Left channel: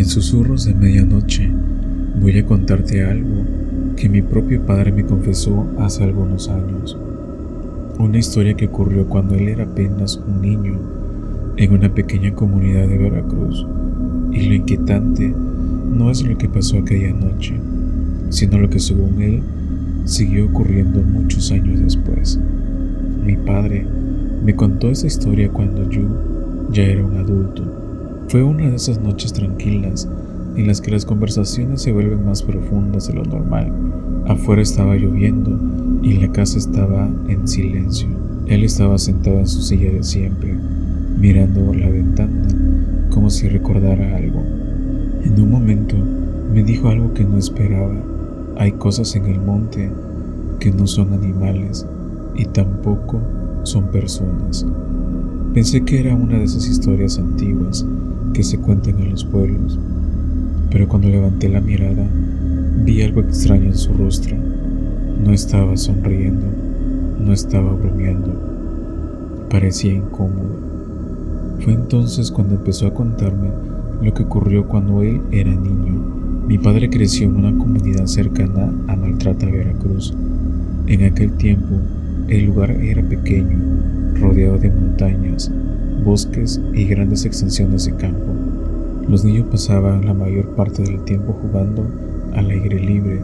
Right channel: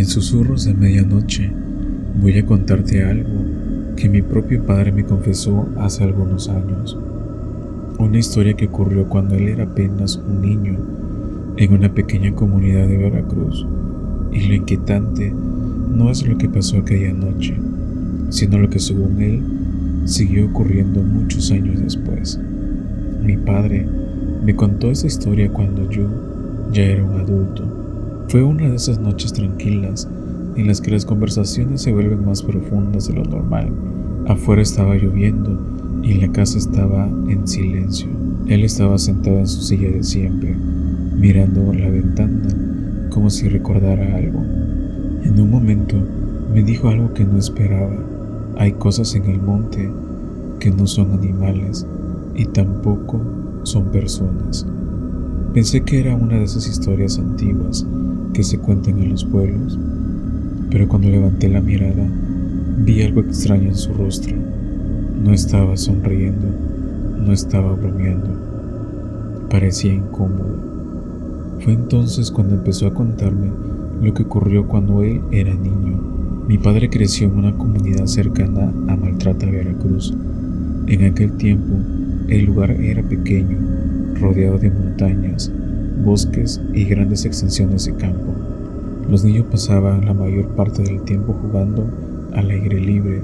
En susurros de medianoche voy a contarte algo que mi propio padre me confesó hace algunos años. Una historia que ocurrió cuando él era apenas un niño en una pequeña comunidad de Veracruz. Y lo inquietante no es lo que pasó aquella noche, sino lo que según él siguió ocurriendo muchos años después. Mi padre me contó esa historia cuando yo ya era un adulto. Fue una de esas noches tranquilas en las que las conversaciones se vuelven más profundas de lo normal. Afuera estaba lloviendo y la casa estaba en silencio. Él estaba sentado en su silla de siempre, mirando la ventana como si recordara algo. En un momento me dijo algo que no esperaba. Hay cosas en el monte que no son animales y tampoco son personas. Pensé que era una de esas historias antiguas que se cuentan en los pueblos, pero cuando levanté la mirada vi algo extraño en su rostro. No estaba sonriendo, no estaba bromeando, parecía incómodo. Fue entonces cuando empezó a contarme lo que ocurrió cuando él era niño. Mi padre creció en una comunidad cercana a Maltrata, Veracruz. En aquel tiempo, el lugar era pequeño, rodeado de montañas, bosques y grandes extensiones de campo. Los niños pasaban la mayor parte del tiempo jugando al aire libre,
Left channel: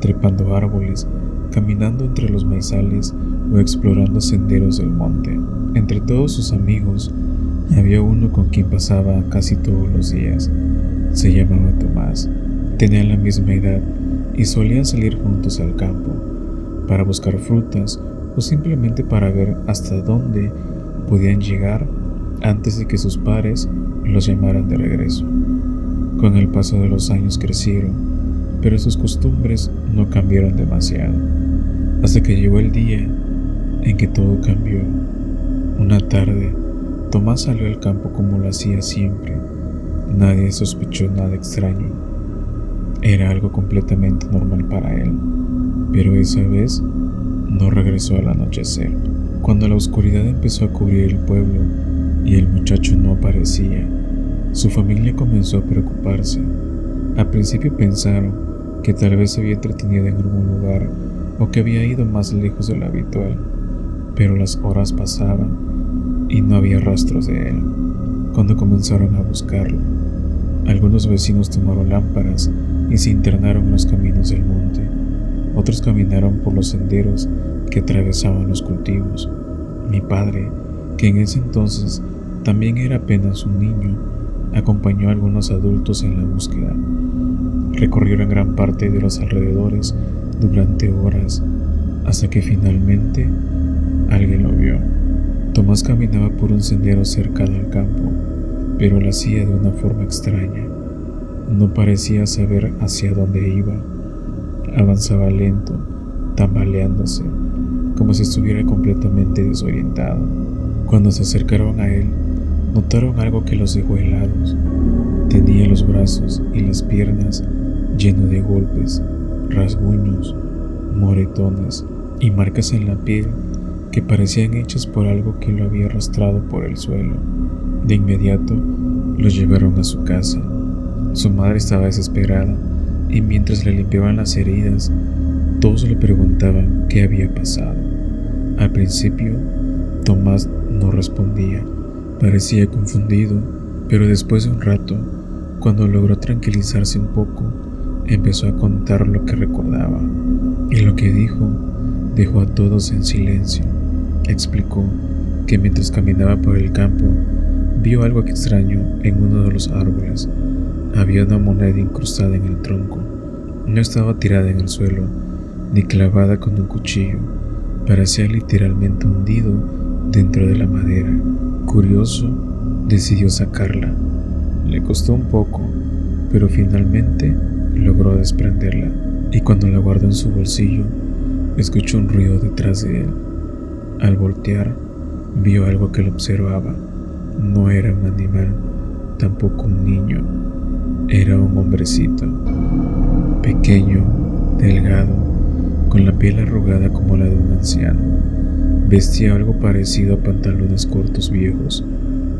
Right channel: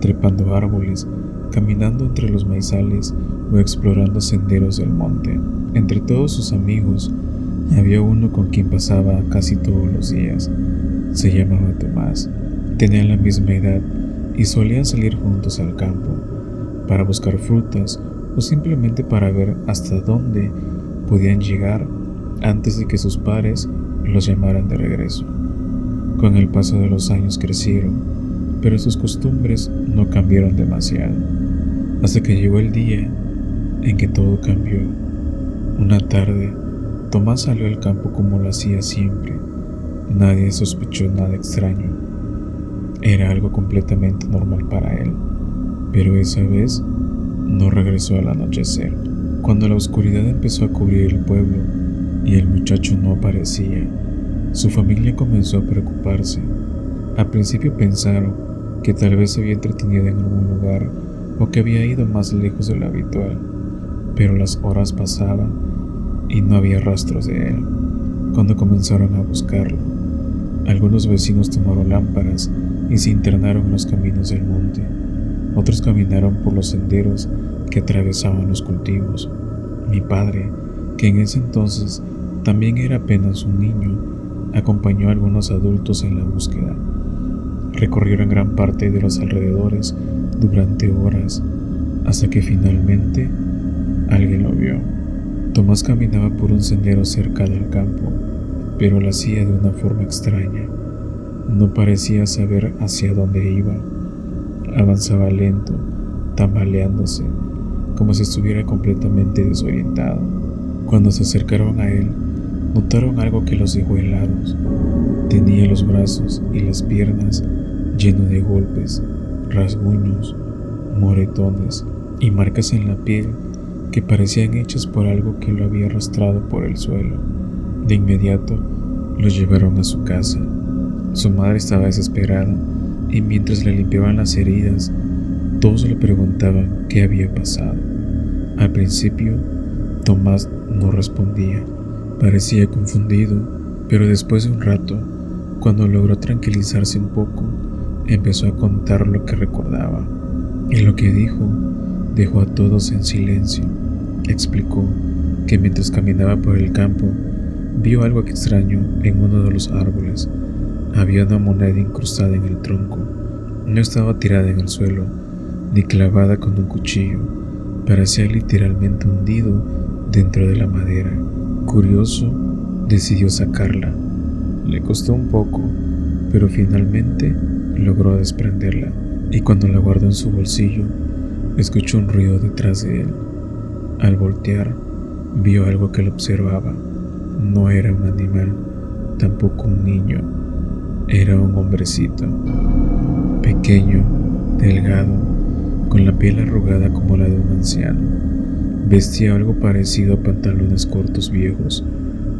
trepando árboles, caminando entre los maizales o explorando senderos del monte. Entre todos sus amigos, había uno con quien pasaba casi todos los días. Se llamaba Tomás. Tenían la misma edad y solían salir juntos al campo para buscar frutas o simplemente para ver hasta dónde podían llegar antes de que sus padres los llamaran de regreso. Con el paso de los años crecieron, pero sus costumbres no cambiaron demasiado, hasta que llegó el día en que todo cambió. Una tarde, Tomás salió al campo como lo hacía siempre. Nadie sospechó nada extraño. Era algo completamente normal para él, pero esa vez no regresó al anochecer. Cuando la oscuridad empezó a cubrir el pueblo y el muchacho no aparecía, su familia comenzó a preocuparse. Al principio pensaron que tal vez se había entretenido en algún lugar o que había ido más lejos de lo habitual, pero las horas pasaban y no había rastros de él. Cuando comenzaron a buscarlo, algunos vecinos tomaron lámparas y se internaron en los caminos del monte. Otros caminaron por los senderos que atravesaban los cultivos. Mi padre, que en ese entonces también era apenas un niño, acompañó a algunos adultos en la búsqueda. Recorrieron gran parte de los alrededores durante horas, hasta que finalmente alguien lo vio. Tomás caminaba por un sendero cercano al campo, pero lo hacía de una forma extraña. No parecía saber hacia dónde iba. Avanzaba lento, tambaleándose, como si estuviera completamente desorientado. Cuando se acercaron a él, notaron algo que los dejó helados. Tenía los brazos y las piernas llenos de golpes, rasguños, moretones y marcas en la piel que parecían hechas por algo que lo había arrastrado por el suelo. De inmediato lo llevaron a su casa. Su madre estaba desesperada y mientras le limpiaban las heridas, todos le preguntaban qué había pasado. Al principio, Tomás no respondía. Parecía confundido, pero después de un rato, cuando logró tranquilizarse un poco, empezó a contar lo que recordaba. Y lo que dijo dejó a todos en silencio. Explicó que mientras caminaba por el campo, vio algo extraño en uno de los árboles. Había una moneda incrustada en el tronco. No estaba tirada en el suelo, ni clavada con un cuchillo. Parecía literalmente hundido dentro de la madera. Curioso, decidió sacarla. Le costó un poco, pero finalmente logró desprenderla. Y cuando la guardó en su bolsillo, escuchó un ruido detrás de él. Al voltear, vio algo que lo observaba. No era un animal, tampoco un niño. Era un hombrecito, pequeño, delgado, con la piel arrugada como la de un anciano. Vestía algo parecido a pantalones cortos viejos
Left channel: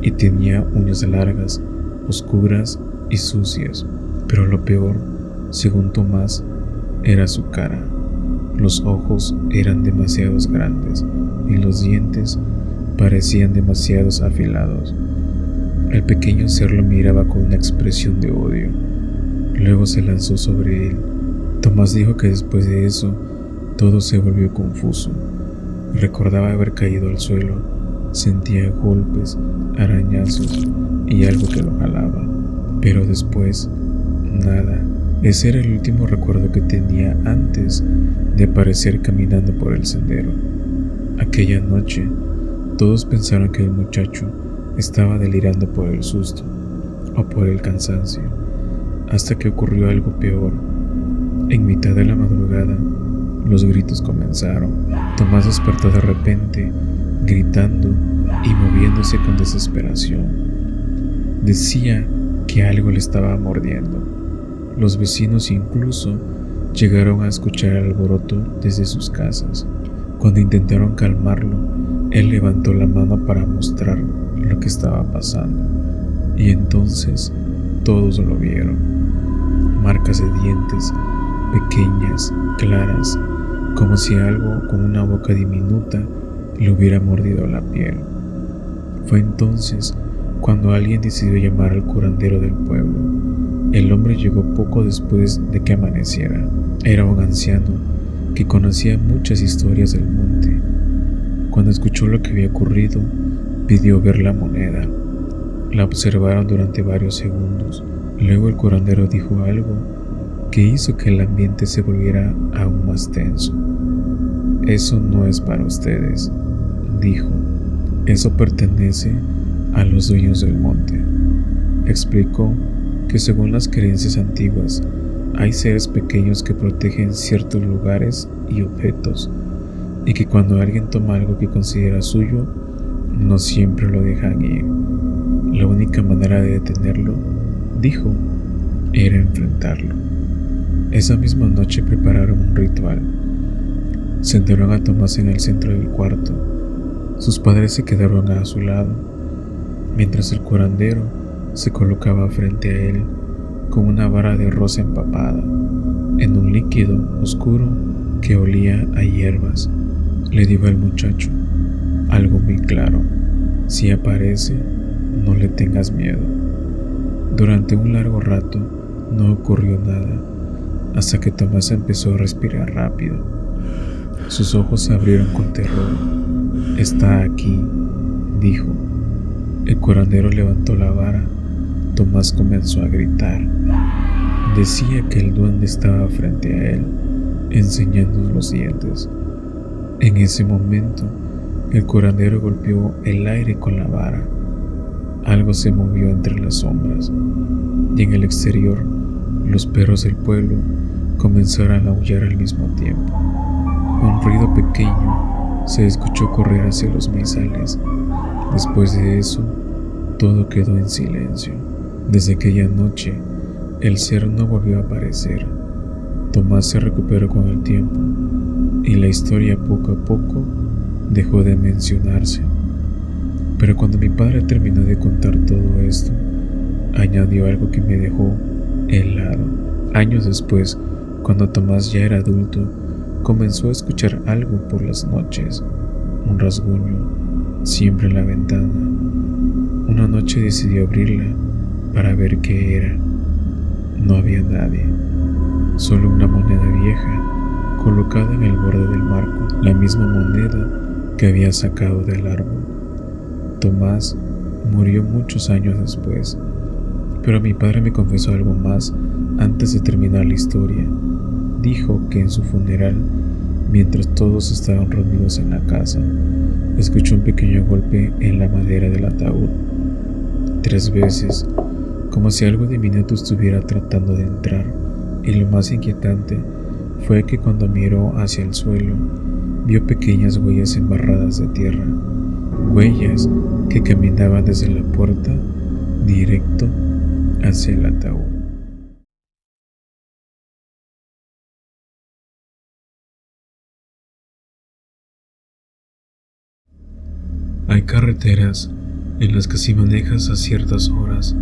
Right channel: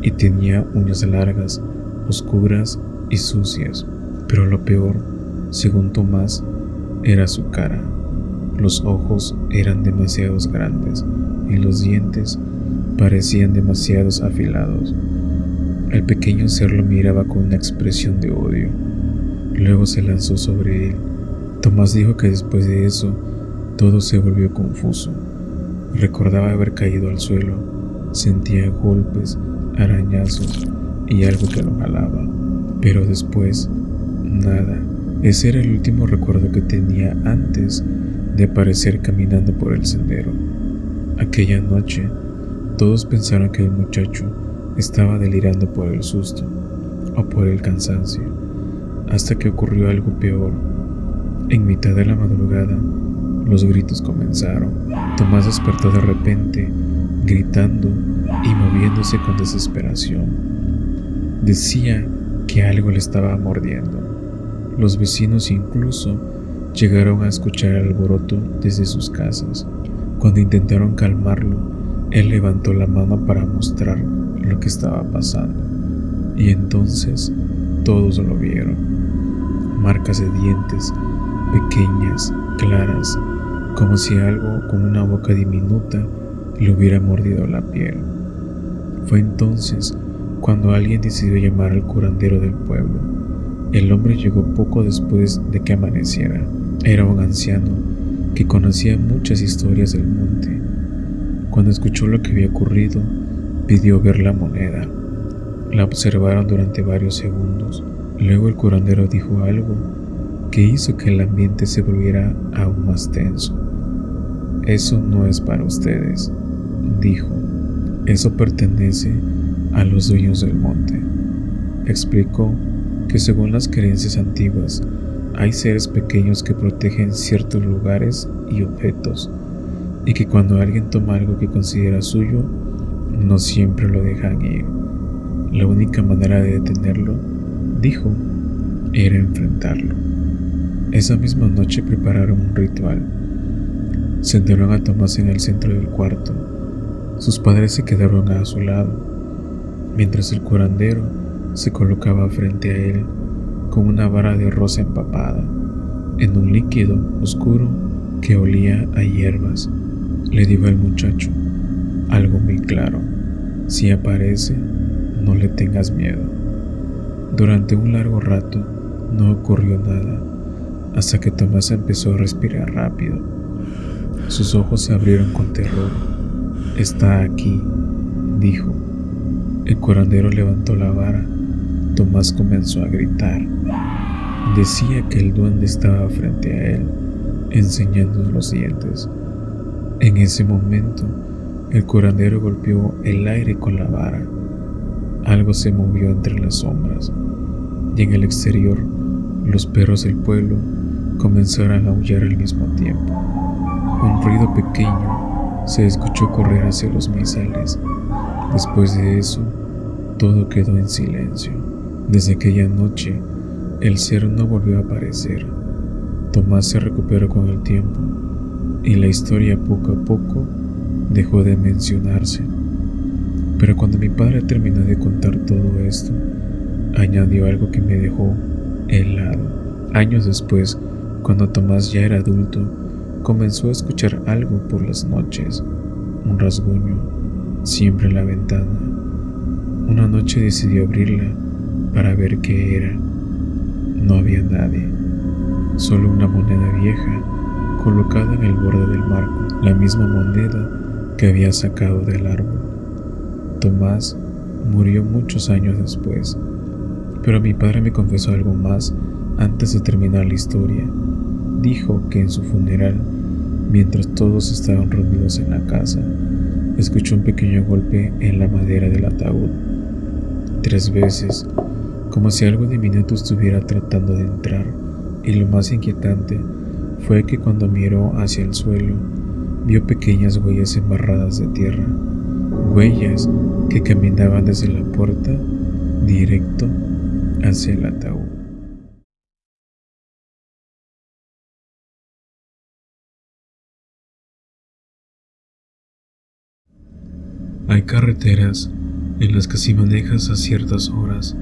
y tenía uñas largas, oscuras y sucias, pero lo peor, según Tomás, era su cara. Los ojos eran demasiado grandes y los dientes parecían demasiado afilados. El pequeño ser lo miraba con una expresión de odio. Luego se lanzó sobre él. Tomás dijo que después de eso todo se volvió confuso. Recordaba haber caído al suelo, sentía golpes, arañazos y algo que lo jalaba. Pero después, nada. Ese era el último recuerdo que tenía antes de aparecer caminando por el sendero. Aquella noche, todos pensaron que el muchacho estaba delirando por el susto o por el cansancio, hasta que ocurrió algo peor. En mitad de la madrugada, los gritos comenzaron. Tomás despertó de repente, gritando y moviéndose con desesperación. Decía que algo le estaba mordiendo. Los vecinos incluso llegaron a escuchar el alboroto desde sus casas. Cuando intentaron calmarlo, él levantó la mano para mostrar lo que estaba pasando, y entonces todos lo vieron. Marcas de dientes, pequeñas, claras, como si algo con una boca diminuta le hubiera mordido la piel. Fue entonces cuando alguien decidió llamar al curandero del pueblo. El hombre llegó poco después de que amaneciera. Era un anciano que conocía muchas historias del monte. Cuando escuchó lo que había ocurrido, pidió ver la moneda. La observaron durante varios segundos. Luego el curandero dijo algo que hizo que el ambiente se volviera aún más tenso. «Eso no es para ustedes», dijo. «Eso pertenece a los dueños del monte». Explicó que según las creencias antiguas, hay seres pequeños que protegen ciertos lugares y objetos, y que cuando alguien toma algo que considera suyo, no siempre lo dejan ir. La única manera de detenerlo, dijo, era enfrentarlo. Esa misma noche prepararon un ritual. Sentaron a Tomás en el centro del cuarto. Sus padres se quedaron a su lado, mientras el curandero se colocaba frente a él con una vara de rosa empapada en un líquido oscuro que olía a hierbas. Le dijo al muchacho algo muy claro: si aparece, no le tengas miedo. Durante un largo rato no ocurrió nada, hasta que Tomás empezó a respirar rápido. Sus ojos se abrieron con terror. «Está aquí», dijo. El curandero levantó la vara. Tomás comenzó a gritar. Decía que el duende estaba frente a él, enseñando los dientes. En ese momento, el curandero golpeó el aire con la vara. Algo se movió entre las sombras, y en el exterior, los perros del pueblo comenzaron a aullar al mismo tiempo. Un ruido pequeño se escuchó correr hacia los maizales. Después de eso, todo quedó en silencio. Desde aquella noche, el ser no volvió a aparecer. Tomás se recuperó con el tiempo, y la historia poco a poco dejó de mencionarse. Pero cuando mi padre terminó de contar todo esto, añadió algo que me dejó helado. Años después, cuando Tomás ya era adulto, comenzó a escuchar algo por las noches, un rasguño, siempre en la ventana. Una noche decidió abrirla para ver qué era. No había nadie, solo una moneda vieja colocada en el borde del marco, la misma moneda que había sacado del árbol. Tomás murió muchos años después, pero mi padre me confesó algo más antes de terminar la historia. Dijo que en su funeral, mientras todos estaban reunidos en la casa, escuchó un pequeño golpe en la madera del ataúd, 3 veces, como si algo diminuto estuviera tratando de entrar, y lo más inquietante fue que cuando miró hacia el suelo, vio pequeñas huellas embarradas de tierra, huellas que caminaban desde la puerta directo hacia el ataúd. Hay carreteras en las que si manejas a ciertas horas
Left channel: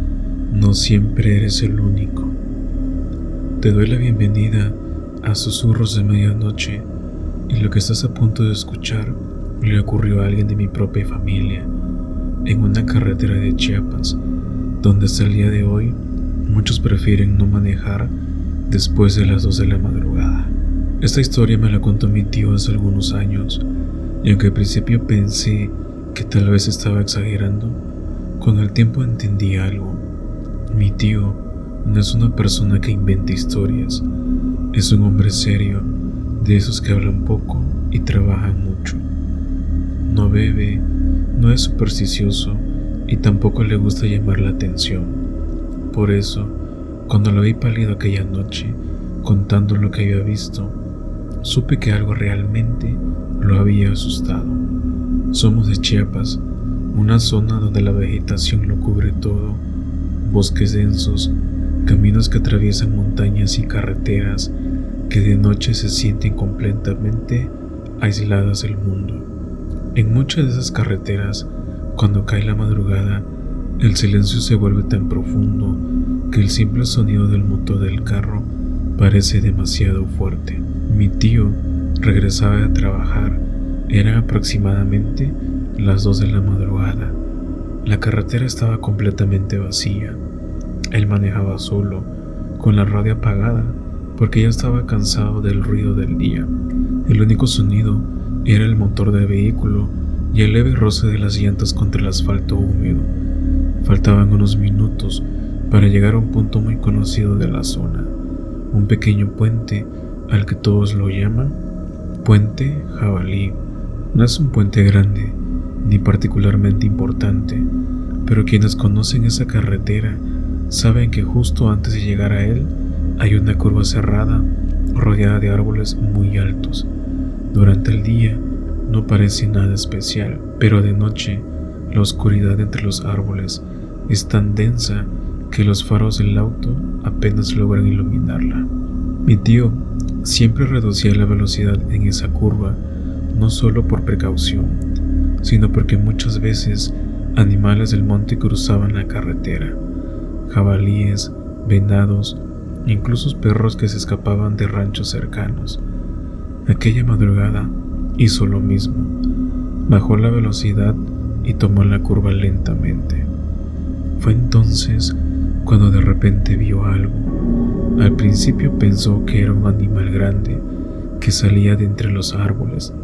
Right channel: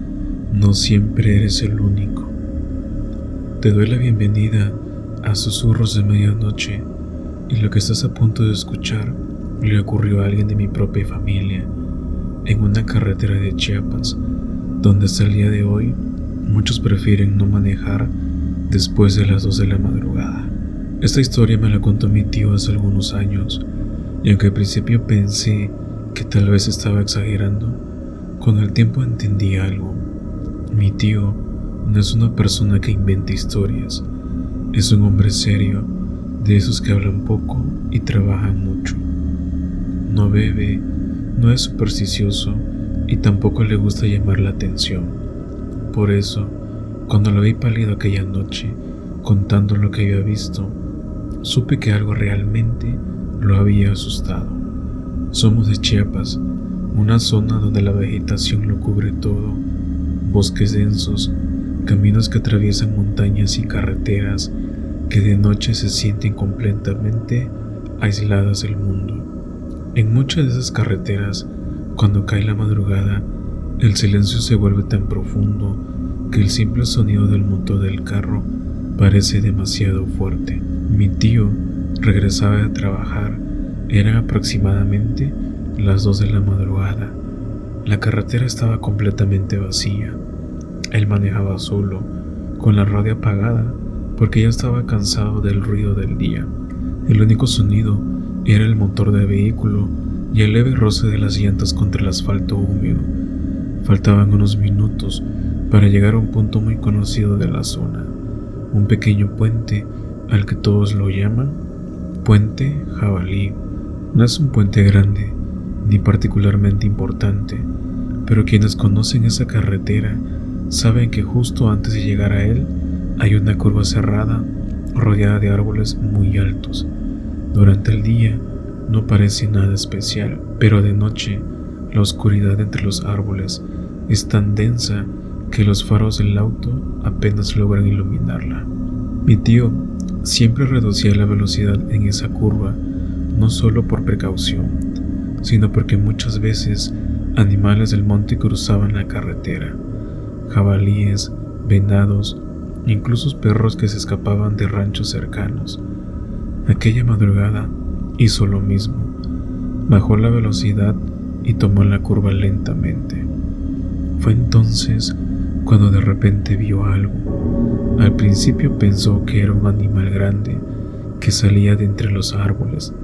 no siempre eres el único. Te doy la bienvenida a Susurros de Medianoche, y lo que estás a punto de escuchar le ocurrió a alguien de mi propia familia en una carretera de Chiapas, donde hasta el día de hoy muchos prefieren no manejar después de las 2 de la madrugada. Esta historia me la contó mi tío hace algunos años, y aunque al principio pensé que tal vez estaba exagerando, con el tiempo entendí algo. Mi tío no es una persona que inventa historias, es un hombre serio, de esos que hablan poco y trabajan mucho. No bebe, no es supersticioso y tampoco le gusta llamar la atención. Por eso, cuando lo vi pálido aquella noche, contando lo que había visto, supe que algo realmente lo había asustado. Somos de Chiapas, una zona donde la vegetación lo cubre todo, bosques densos, caminos que atraviesan montañas y carreteras que de noche se sienten completamente aisladas del mundo. En muchas de esas carreteras, cuando cae la madrugada, el silencio se vuelve tan profundo que el simple sonido del motor del carro parece demasiado fuerte. Mi tío regresaba de trabajar, eran aproximadamente las 2 de la madrugada. La carretera estaba completamente vacía. Él manejaba solo, con la radio apagada, porque ya estaba cansado del ruido del día. El único sonido era el motor del vehículo y el leve roce de las llantas contra el asfalto húmedo. Faltaban unos minutos para llegar a un punto muy conocido de la zona, un pequeño puente al que todos lo llaman Puente Jabalí. No es un puente grande ni particularmente importante, pero quienes conocen esa carretera saben que justo antes de llegar a él hay una curva cerrada rodeada de árboles muy altos. Durante el día no parece nada especial, pero de noche la oscuridad entre los árboles es tan densa que los faros del auto apenas logran iluminarla. Mi tío siempre reducía la velocidad en esa curva, no solo por precaución, sino porque muchas veces animales del monte cruzaban la carretera, jabalíes, venados, incluso perros que se escapaban de ranchos cercanos. Aquella madrugada hizo lo mismo, bajó la velocidad y tomó la curva lentamente. Fue entonces cuando de repente vio algo. Al principio pensó que era un animal grande que salía de entre los árboles.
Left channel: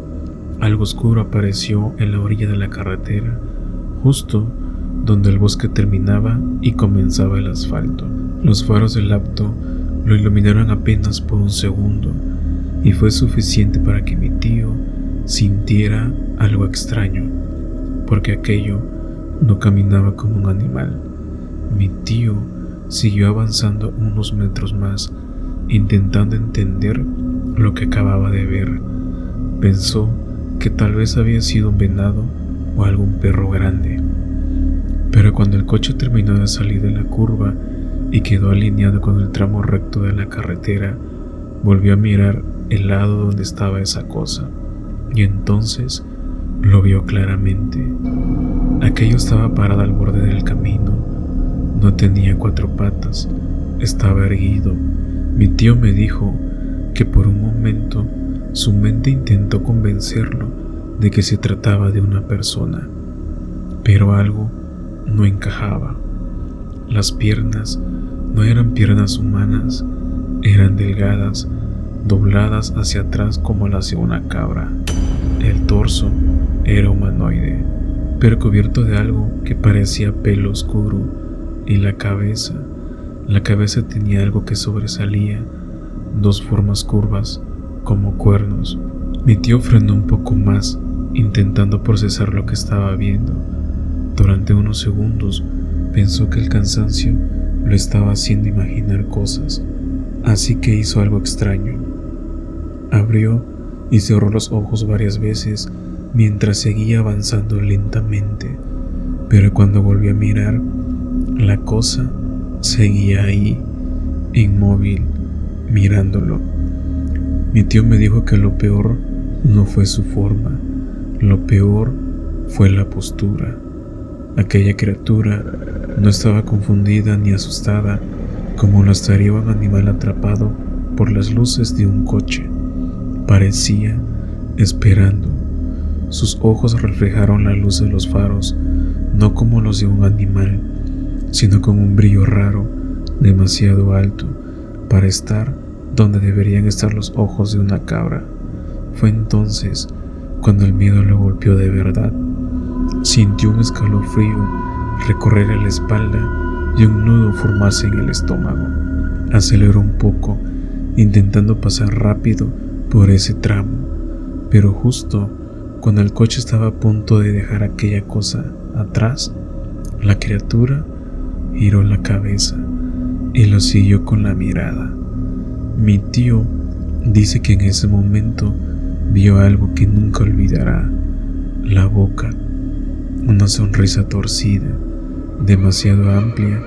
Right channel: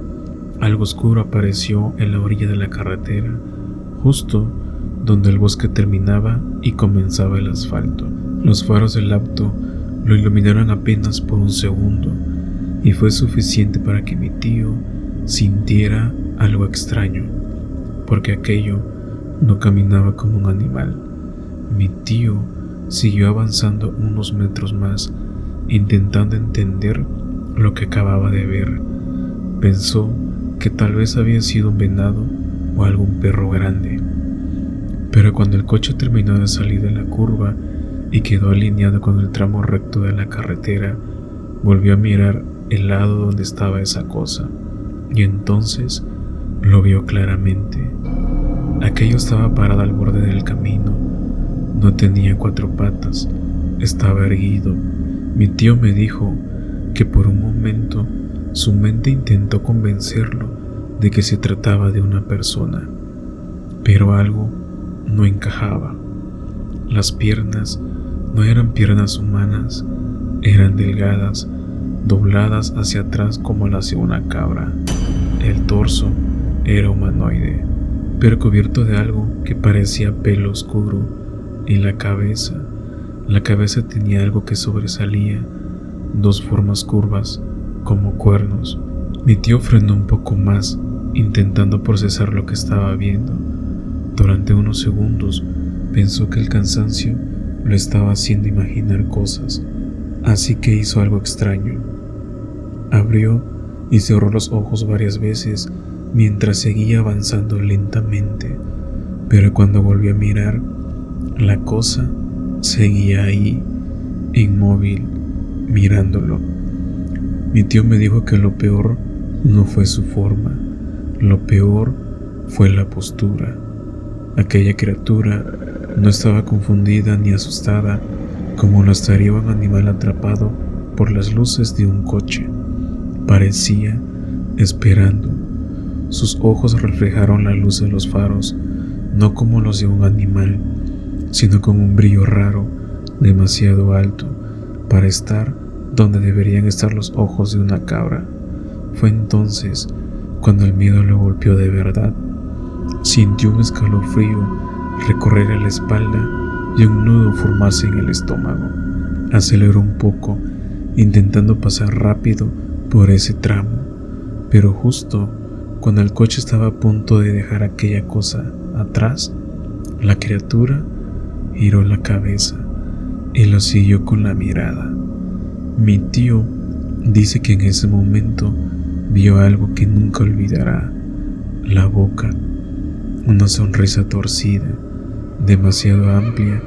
Algo oscuro apareció en la orilla de la carretera, justo donde el bosque terminaba y comenzaba el asfalto. Los faros del auto lo iluminaron apenas por un segundo, y fue suficiente para que mi tío sintiera algo extraño, porque aquello no caminaba como un animal. Mi tío siguió avanzando unos metros más, intentando entender lo que acababa de ver. Pensó que tal vez había sido un venado o algún perro grande. Pero cuando el coche terminó de salir de la curva y quedó alineado con el tramo recto de la carretera, volvió a mirar el lado donde estaba esa cosa, y entonces lo vio claramente. Aquello estaba parado al borde del camino. No tenía 4 patas, estaba erguido. Mi tío me dijo que por un momento su mente intentó convencerlo de que se trataba de una persona, pero algo no encajaba. Las piernas no eran piernas humanas, eran delgadas, dobladas hacia atrás como las de una cabra. El torso era humanoide, pero cubierto de algo que parecía pelo oscuro, y la cabeza tenía algo que sobresalía, 2 formas curvas, como cuernos. Mi tío frenó un poco más, intentando procesar lo que estaba viendo. Durante unos segundos pensó que el cansancio lo estaba haciendo imaginar cosas, así que hizo algo extraño. Abrió y cerró los ojos varias veces mientras seguía avanzando lentamente, pero cuando volvió a mirar, la cosa seguía ahí, inmóvil, mirándolo. Mi tío me dijo que lo peor no fue su forma, lo peor fue la postura. Aquella criatura no estaba confundida ni asustada como lo estaría un animal atrapado por las luces de un coche. Parecía esperando. Sus ojos reflejaron la luz de los faros, no como los de un animal, sino con un brillo raro, demasiado alto para estar donde deberían estar los ojos de una cabra. Fue entonces cuando el miedo lo golpeó de verdad. Sintió un escalofrío recorrer la espalda y un nudo formarse en el estómago. Aceleró un poco, intentando pasar rápido por ese tramo, pero justo cuando el coche estaba a punto de dejar aquella cosa atrás, la criatura giró la cabeza y lo siguió con la mirada. Mi tío dice que en ese momento vio algo que nunca olvidará: la boca, una sonrisa torcida, demasiado amplia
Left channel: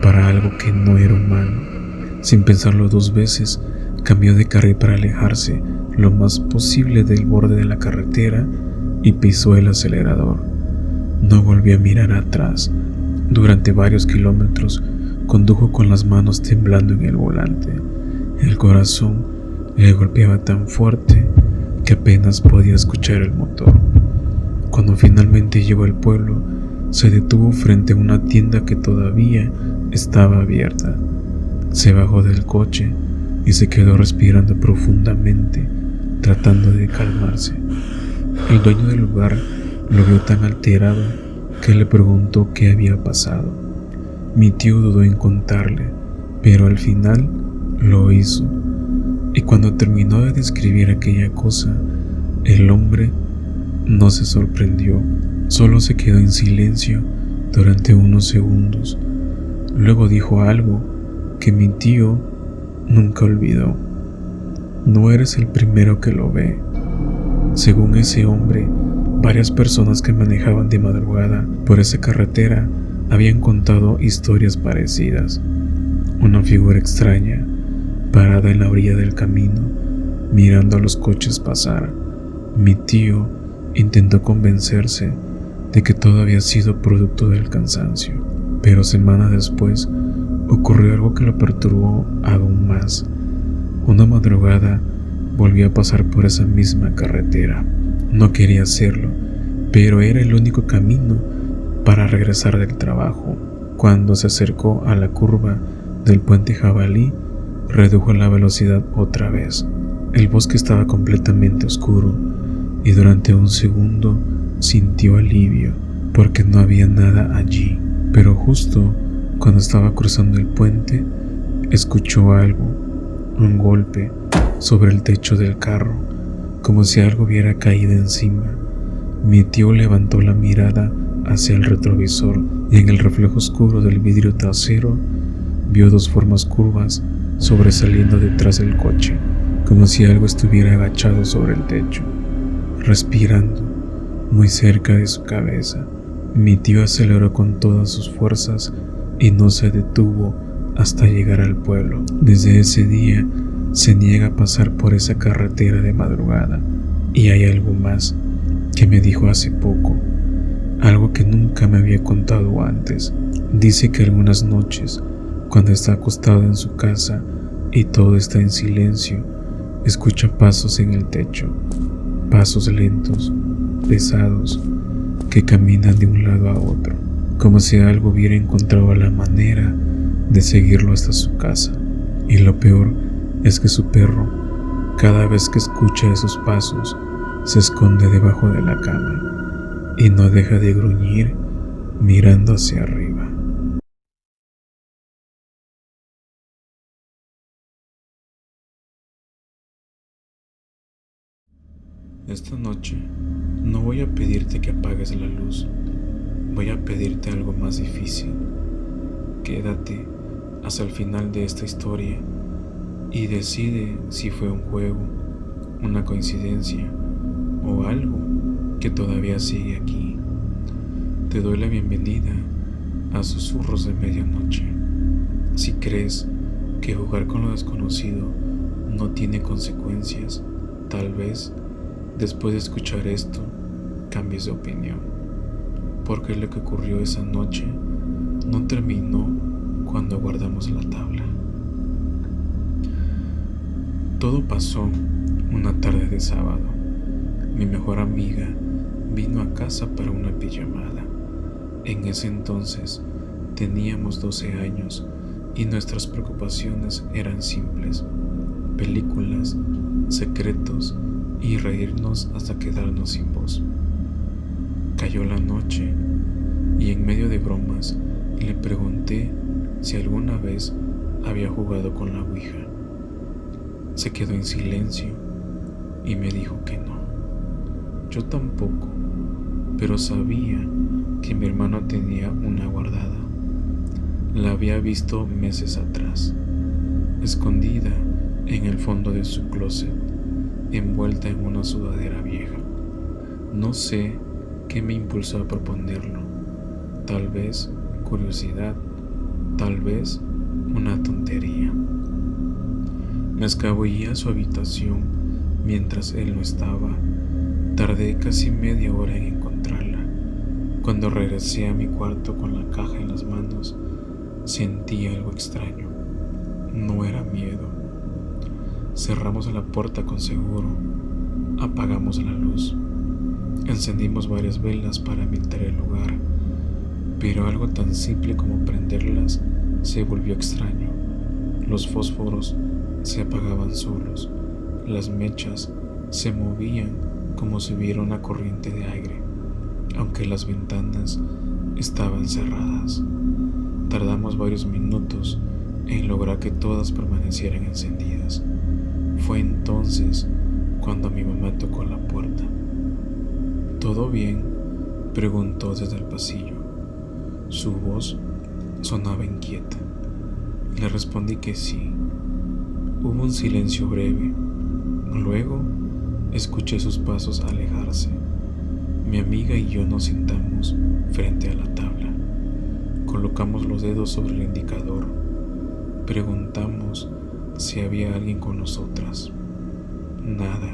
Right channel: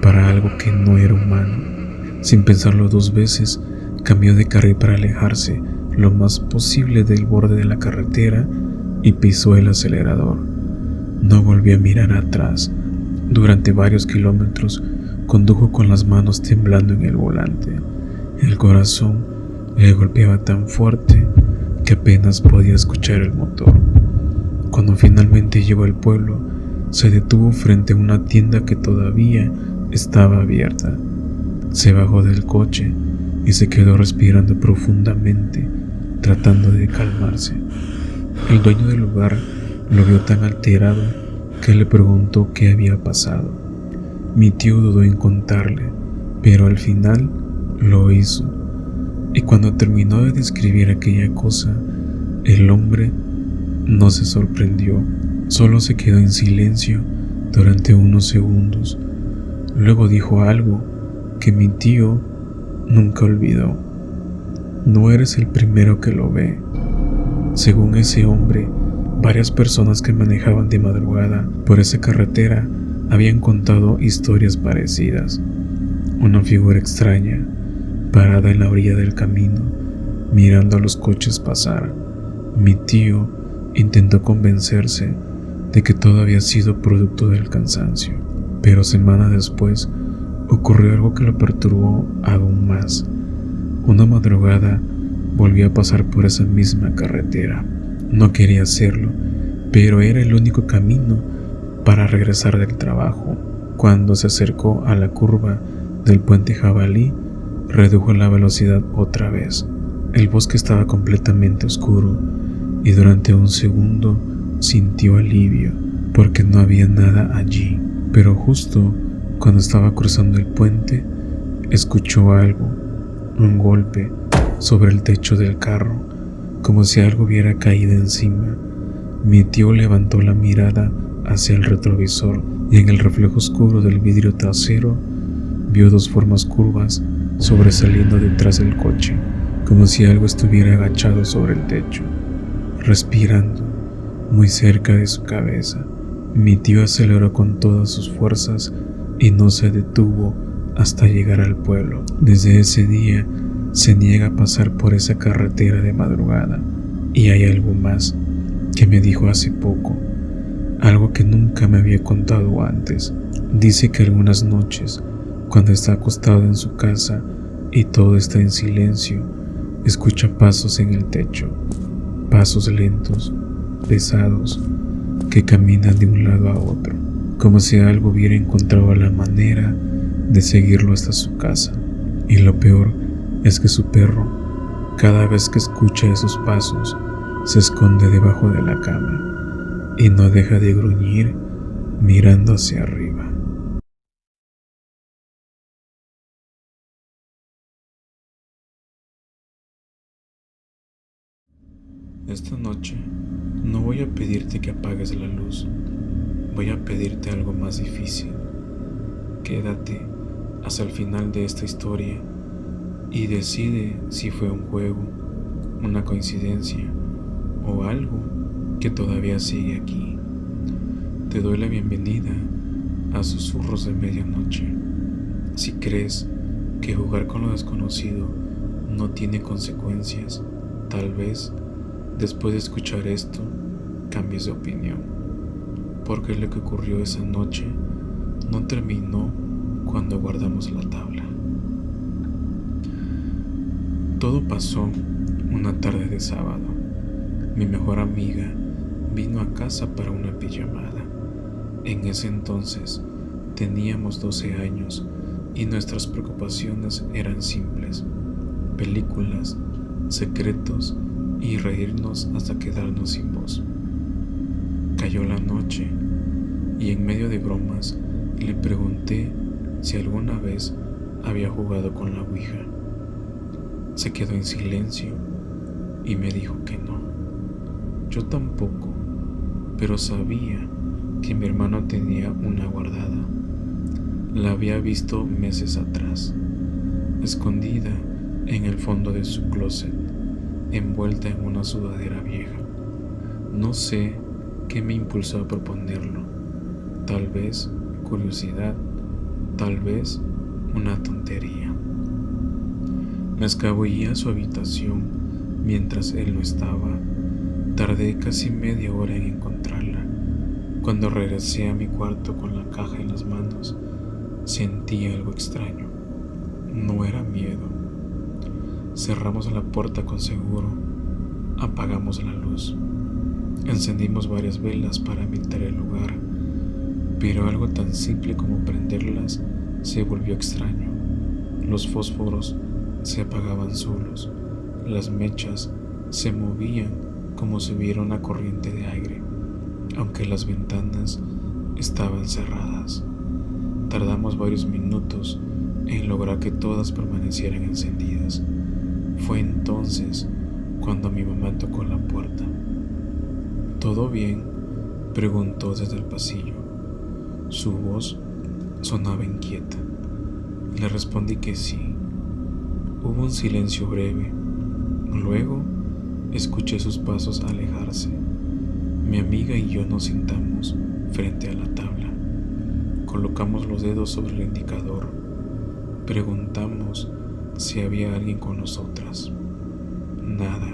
para algo que no era humano. Sin pensarlo dos veces, cambió de carril para alejarse lo más posible del borde de la carretera y pisó el acelerador. No volvió a mirar atrás. Durante varios kilómetros condujo con las manos temblando en el volante. El corazón le golpeaba tan fuerte que apenas podía escuchar el motor. Cuando finalmente llegó al pueblo, se detuvo frente a una tienda que todavía estaba abierta. Se bajó del coche y se quedó respirando profundamente, tratando de calmarse. El dueño del lugar lo vio tan alterado que le preguntó qué había pasado. Mi tío dudó en contarle, pero al final lo hizo. Y cuando terminó de describir aquella cosa, el hombre no se sorprendió, solo se quedó en silencio durante unos segundos. Luego dijo algo que mi tío nunca olvidó: no eres el primero que lo ve. Según ese hombre, varias personas que manejaban de madrugada por esa carretera habían contado historias parecidas. Una figura extraña, parada en la orilla del camino, mirando a los coches pasar. Mi tío intentó convencerse de que todo había sido producto del cansancio, pero semanas después ocurrió algo que lo perturbó aún más. Una madrugada volvió a pasar por esa misma carretera. No quería hacerlo, pero era el único camino para regresar del trabajo. Cuando se acercó a la curva del puente Jabalí, redujo la velocidad otra vez. El bosque estaba completamente oscuro y durante un segundo sintió alivio porque no había nada allí. Pero justo cuando estaba cruzando el puente, escuchó algo, un golpe sobre el techo del carro, como si algo hubiera caído encima. Mi tío levantó la mirada hacia el retrovisor y en el reflejo oscuro del vidrio trasero vio dos formas curvas sobresaliendo detrás del coche, como si algo estuviera agachado sobre el techo, respirando muy cerca de su cabeza. Mi tío aceleró con todas sus fuerzas y no se detuvo hasta llegar al pueblo. Desde ese día se niega a pasar por esa carretera de madrugada. Y hay algo más que me dijo hace poco, algo que nunca me había contado antes. Dice que algunas noches, cuando está acostado en su casa y todo está en silencio, escucha pasos en el techo, pasos lentos, pesados, que caminan de un lado a otro, como si algo hubiera encontrado la manera de seguirlo hasta su casa. Y lo peor es que su perro, cada vez que escucha esos pasos, se esconde debajo de la cama y no deja de gruñir mirando hacia arriba. Esta noche no voy a pedirte que apagues la luz, voy a pedirte algo más difícil. Quédate hasta el final de esta historia y decide si fue un juego, una coincidencia o algo que todavía sigue aquí. Te doy la bienvenida a Susurros de Medianoche. Si crees que jugar con lo desconocido no tiene consecuencias, tal vez después de escuchar esto cambies de opinión. porque lo que ocurrió esa noche no terminó cuando guardamos la tabla. Todo pasó una tarde de sábado. Mi mejor amiga vino a casa para una pijamada. En ese entonces teníamos 12 años y nuestras preocupaciones eran simples: películas, secretos y reírnos hasta quedarnos sin voz. Cayó la noche y en medio de bromas le pregunté si alguna vez había jugado con la ouija. Se quedó en silencio y me dijo que no. Yo tampoco, pero sabía que mi hermano tenía una guardada. La había visto meses atrás, escondida en el fondo de su closet, envuelta en una sudadera vieja. No sé qué me impulsó a proponerlo. Tal vez curiosidad, tal vez una tontería. Me escabullí a su habitación mientras él no estaba. Tardé casi media hora en encontrarla. Cuando regresé a mi cuarto con la caja en las manos, sentí algo extraño. No era miedo. Cerramos la puerta con seguro. Apagamos la luz. Encendimos varias velas para ambientar el lugar, pero algo tan simple como prenderlas se volvió extraño. Los fósforos se apagaban solos. Las mechas se movían como si hubiera una corriente de aire, aunque las ventanas estaban cerradas. Tardamos varios minutos en lograr que todas permanecieran encendidas. Fue entonces cuando mi mamá tocó la puerta. ¿Todo bien?, preguntó desde el pasillo. Su voz sonaba inquieta. Le respondí que sí. Hubo un silencio breve. Luego escuché sus pasos alejarse. Mi amiga y yo nos sentamos frente a la tabla. Colocamos los dedos sobre el indicador. Preguntamos si había alguien con nosotras. Nada.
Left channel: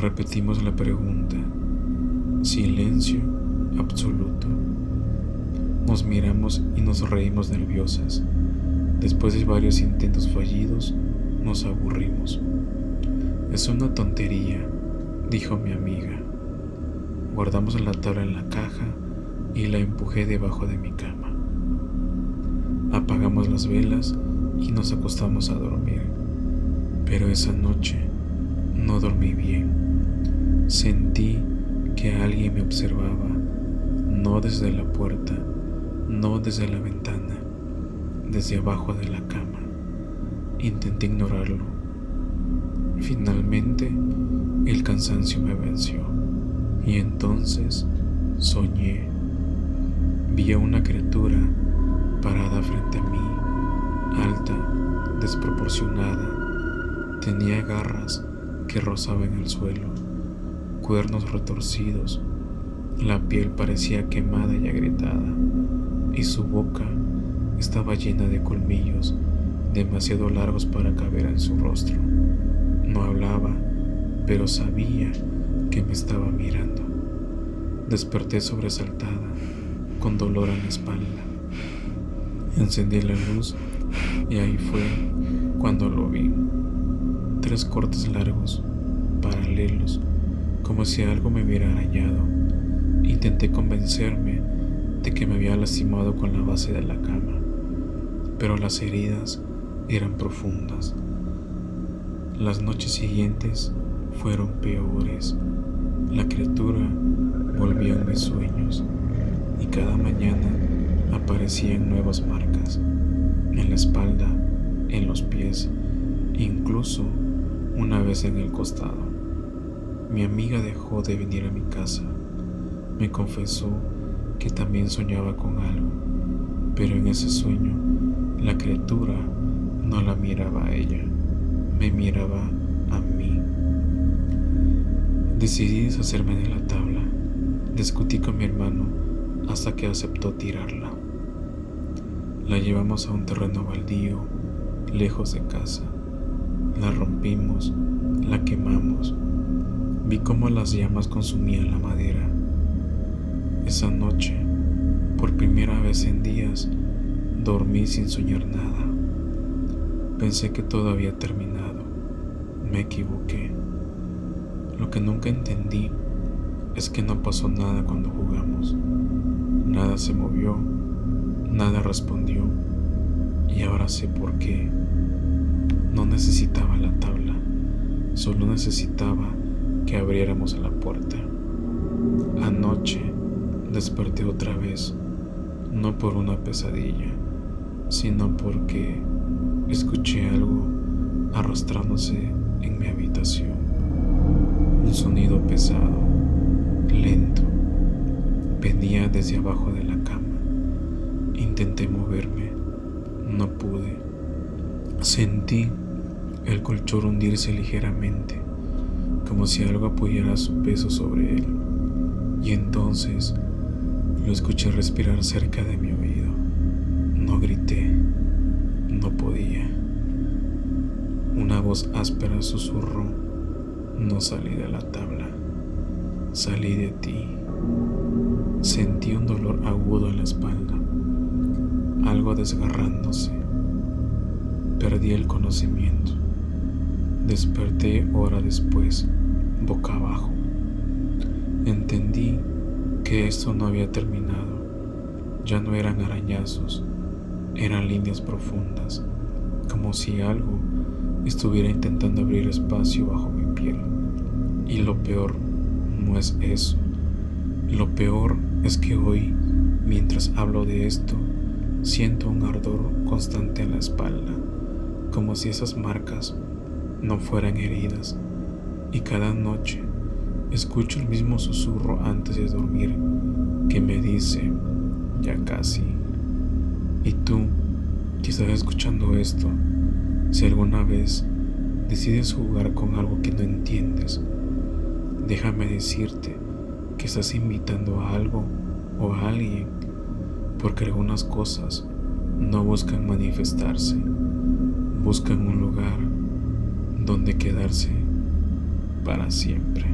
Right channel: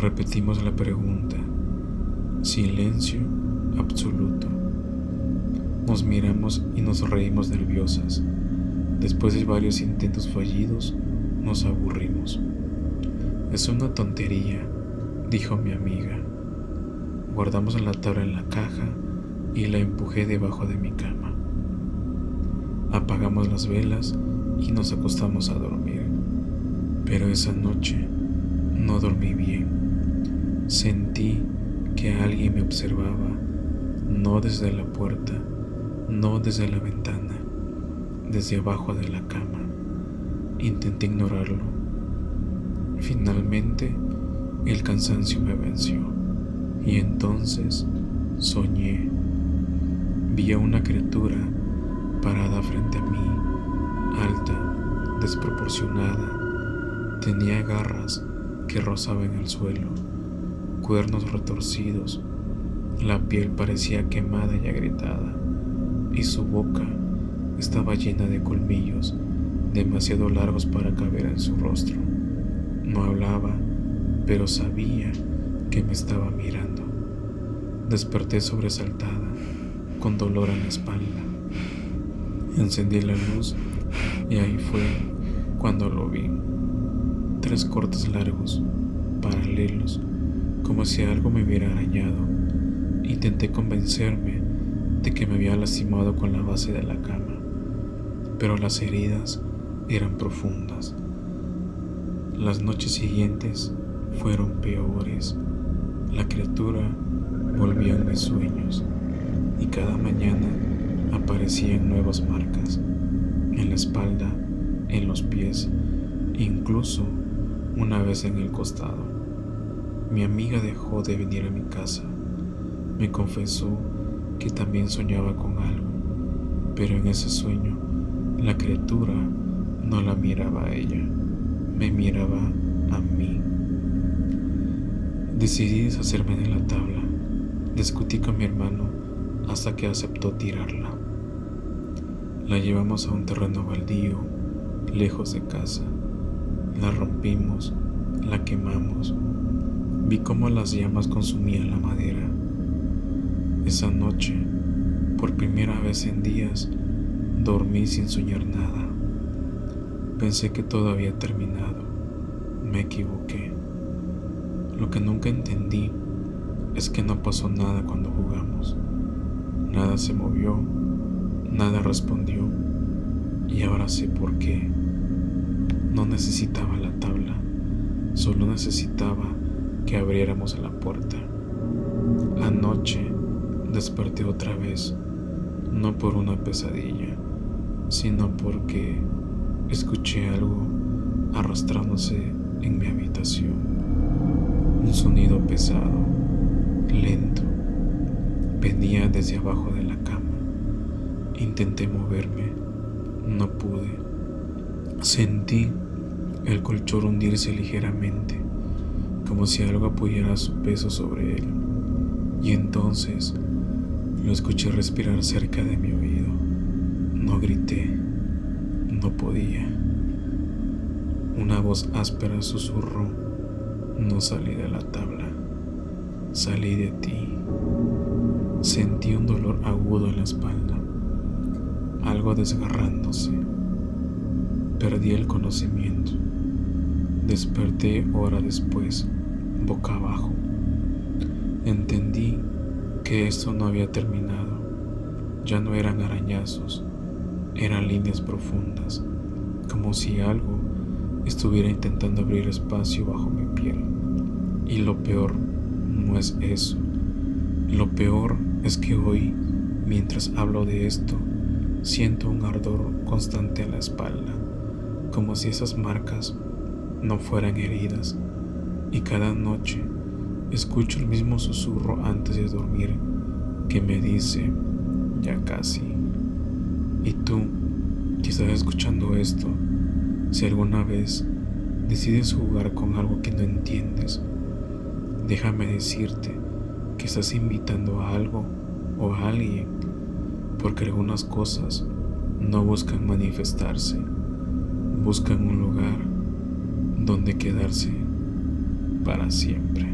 Repetimos la pregunta. Silencio absoluto. Nos miramos y nos reímos nerviosas. Después de varios intentos fallidos, nos aburrimos. Es una tontería, dijo mi amiga. Guardamos la tabla en la caja y la empujé debajo de mi cama. Apagamos las velas y nos acostamos a dormir. Pero esa noche no dormí bien. Sentí que alguien me observaba, no desde la puerta, no desde la ventana, desde abajo de la cama. Intenté ignorarlo. Finalmente, el cansancio me venció y entonces soñé. Vi a una criatura parada frente a mí, alta, desproporcionada. Tenía garras que rozaban el suelo, cuernos retorcidos. La piel parecía quemada y agrietada, y su boca estaba llena de colmillos demasiado largos para caber en su rostro. No hablaba, pero sabía que me estaba mirando. Desperté sobresaltada, con dolor en la espalda. Encendí la luz y ahí fue cuando lo vi. 3 cortes largos, paralelos, como si algo me hubiera arañado. Intenté convencerme de que me había lastimado con la base de la cama, pero las heridas eran profundas. Las noches siguientes fueron peores. La criatura volvía en mis sueños y cada mañana aparecían nuevas marcas, en la espalda, en los pies, incluso una vez en el costado. Mi amiga dejó de venir a mi casa. Me confesó que también soñaba con algo, pero en ese sueño la criatura no la miraba a ella, me miraba a mí. Decidí deshacerme de la tabla. Discutí con mi hermano hasta que aceptó tirarla. La llevamos a un terreno baldío, lejos de casa. La rompimos, la quemamos. Vi cómo las llamas consumían la madera. Esa noche, por primera vez en días, dormí sin soñar nada. Pensé que todo había terminado. Me equivoqué. Lo que nunca entendí es que no pasó nada cuando jugamos. Nada se movió, nada respondió, y ahora sé por qué. No necesitaba la tabla, solo necesitaba que abriéramos la puerta. Anoche desperté otra vez, no por una pesadilla, sino porque escuché algo arrastrándose en mi habitación. Un sonido pesado, lento, venía desde abajo de la cama. Intenté moverme, no pude. Sentí el colchón hundirse ligeramente, como si algo apoyara su peso sobre él, y entonces lo escuché respirar cerca de mi oído. No grité, no podía. Una voz áspera susurró: no salí de la tabla, salí de ti. Sentí un dolor agudo en la espalda, algo desgarrándose. Perdí el conocimiento. Desperté hora después, boca abajo. Entendí que esto no había terminado. Ya no eran arañazos, eran líneas profundas, como si algo estuviera intentando abrir espacio bajo mi piel. Y lo peor no es eso. Lo peor es que hoy, mientras hablo de esto, siento un ardor constante en la espalda, como si esas marcas no fueran heridas, y cada noche escucho el mismo susurro antes de dormir que me dice: ya casi. Y tú, que estás escuchando esto, si alguna vez decides jugar con algo que no entiendes, déjame decirte que estás invitando a algo o a alguien, porque algunas cosas no buscan manifestarse, buscan un lugar donde quedarse para siempre.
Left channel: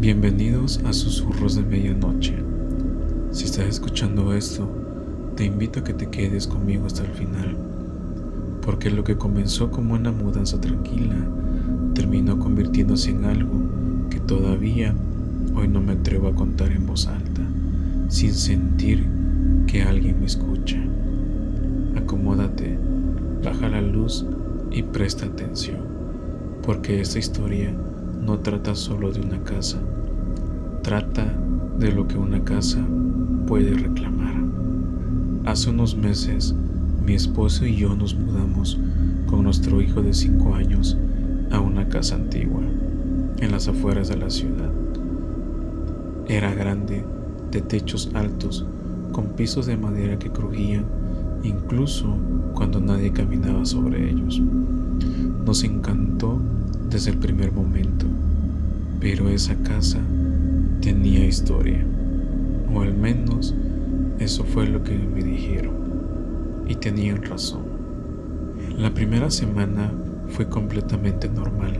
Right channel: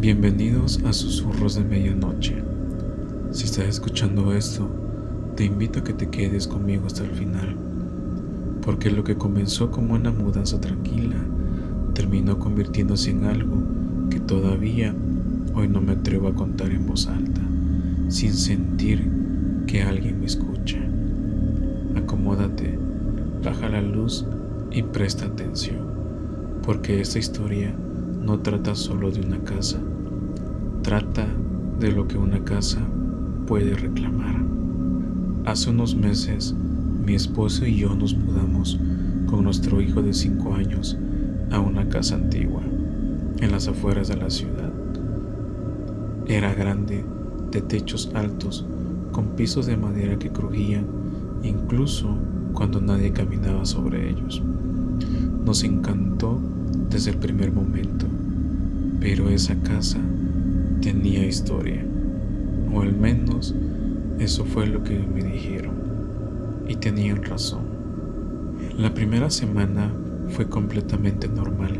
Bienvenidos a Susurros de Medianoche. Si estás escuchando esto, te invito a que te quedes conmigo hasta el final, porque lo que comenzó como una mudanza tranquila terminó convirtiéndose en algo que todavía hoy no me atrevo a contar en voz alta, sin sentir que alguien me escucha. Acomódate, baja la luz y presta atención, porque esta historia no trata solo de una casa, trata de lo que una casa puede reclamar. Hace unos meses, mi esposo y yo nos mudamos con nuestro hijo de 5 años a una casa antigua, en las afueras de la ciudad. Era grande, de techos altos, con pisos de madera que crujían incluso cuando nadie caminaba sobre ellos. Nos encantó desde el primer momento, pero esa casa tenía historia, o al menos eso fue lo que me dijeron, y tenían razón. La primera semana fue completamente normal.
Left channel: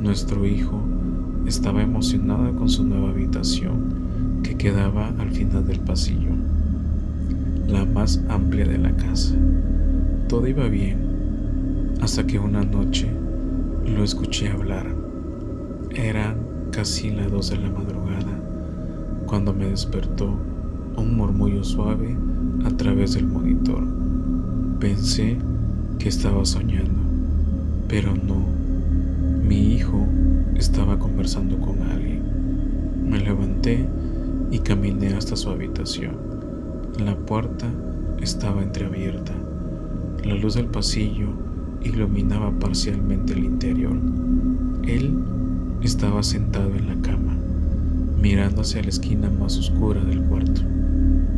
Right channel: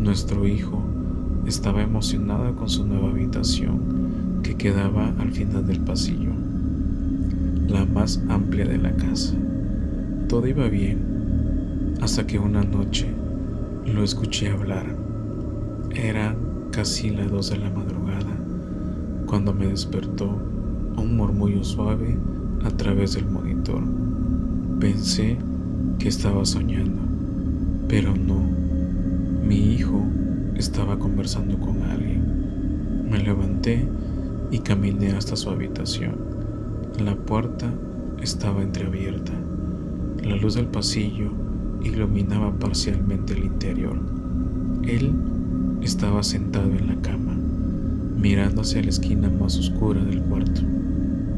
Nuestro hijo estaba emocionado con su nueva habitación, que quedaba al final del pasillo, la más amplia de la casa. Todo iba bien, hasta que una noche lo escuché hablar. Eran casi las 2 de la madrugada cuando me despertó un murmullo suave a través del monitor. Pensé que estaba soñando, pero no. Mi hijo estaba conversando con alguien. Me levanté y caminé hasta su habitación. La puerta estaba entreabierta. La luz del pasillo iluminaba parcialmente el interior. Él estaba sentado en la cama, mirando hacia la esquina más oscura del cuarto.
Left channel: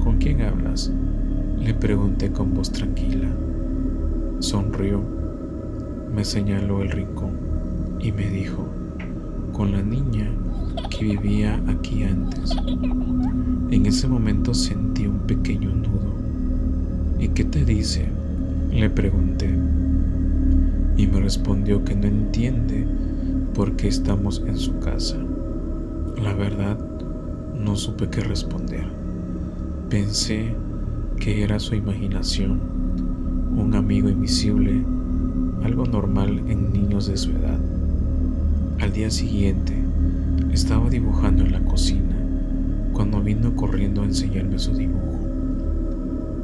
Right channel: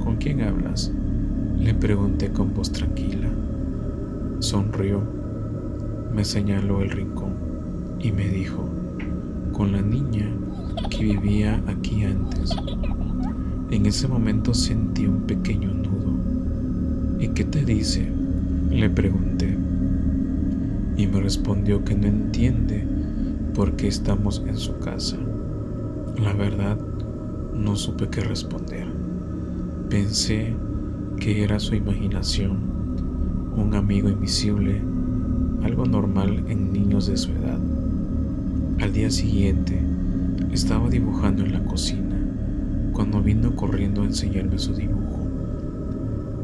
¿Con quién hablas?, le pregunté con voz tranquila. Sonrió, me señaló el rincón y me dijo: con la niña que vivía aquí antes. En ese momento sentí un pequeño nudo. ¿Y qué te dice?, le pregunté. y me respondió que no entiende por qué estamos en su casa. La verdad, no supe qué responder. Pensé que era su imaginación, un amigo invisible, algo normal en niños de su edad. Al día siguiente, estaba dibujando en la cocina cuando vino corriendo a enseñarme su dibujo.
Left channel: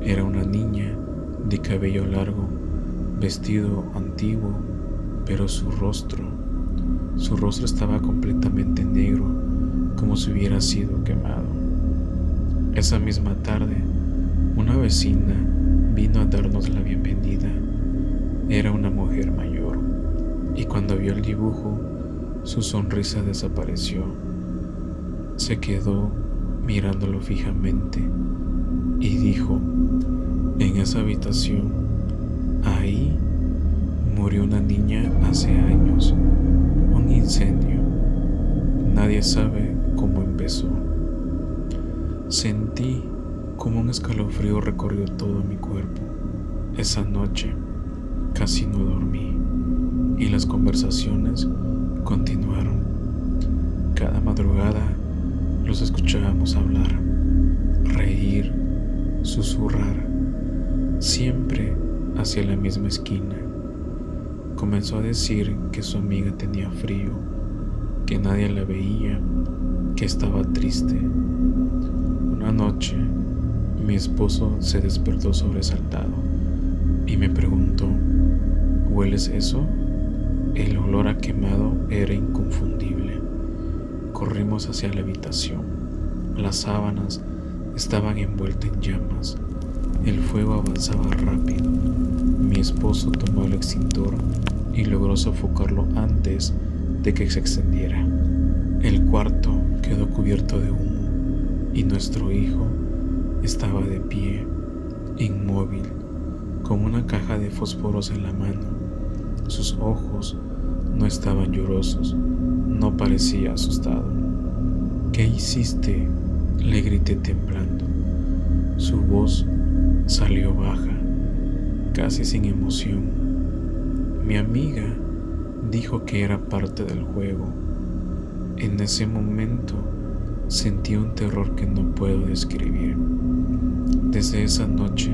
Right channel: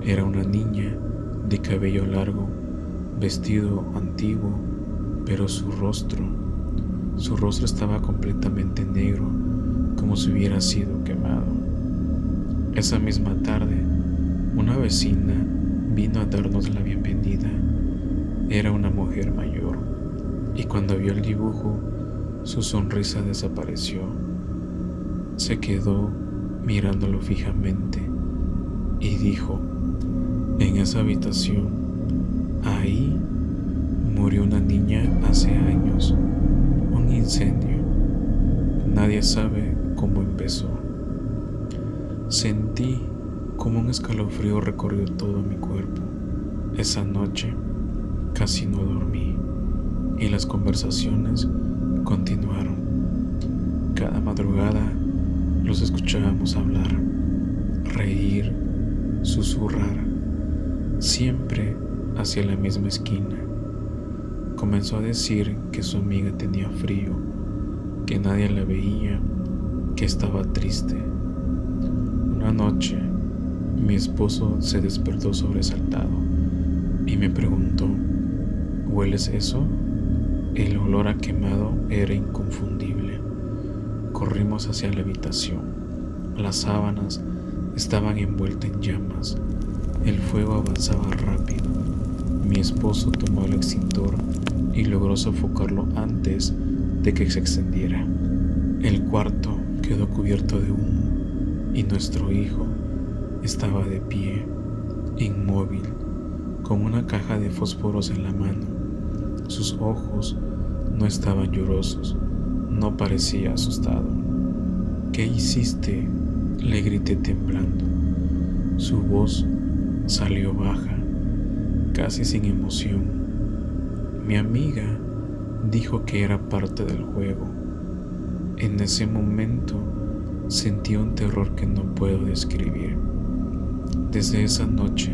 Era una niña de cabello largo, vestido antiguo, pero su rostro estaba completamente negro, como si hubiera sido quemado. Esa misma tarde, una vecina vino a darnos la bienvenida. Era una mujer mayor, y cuando vio el dibujo, su sonrisa desapareció. Se quedó mirándolo fijamente y dijo: en esa habitación, ahí murió una niña hace años, un incendio. Nadie sabe cómo empezó. Sentí como un escalofrío recorrió todo mi cuerpo. Esa noche casi no dormí y las conversaciones continuaron. Cada madrugada los escuchábamos hablar, reír, susurrar, siempre hacia la misma esquina. Comenzó a decir que su amiga tenía frío, que nadie la veía, que estaba triste. Una noche, mi esposo se despertó sobresaltado y me preguntó: ¿hueles eso? El olor a quemado era inconfundible. Corrimos hacia la habitación. Las sábanas estaban envueltas en llamas. El fuego avanzaba rápido. Mi esposo tomó el extintor y logró sofocarlo antes de que se extendiera. El cuarto quedó cubierto de humo y nuestro hijo estaba de pie, inmóvil, con una caja de fósforos en la mano. Sus ojos no estaban llorosos, no parecía asustado. ¿Qué hiciste?, le grité temblando. Su voz salió baja, casi sin emoción. Mi amiga dijo que era parte del juego. En ese momento sentí un terror que no puedo describir. Desde esa noche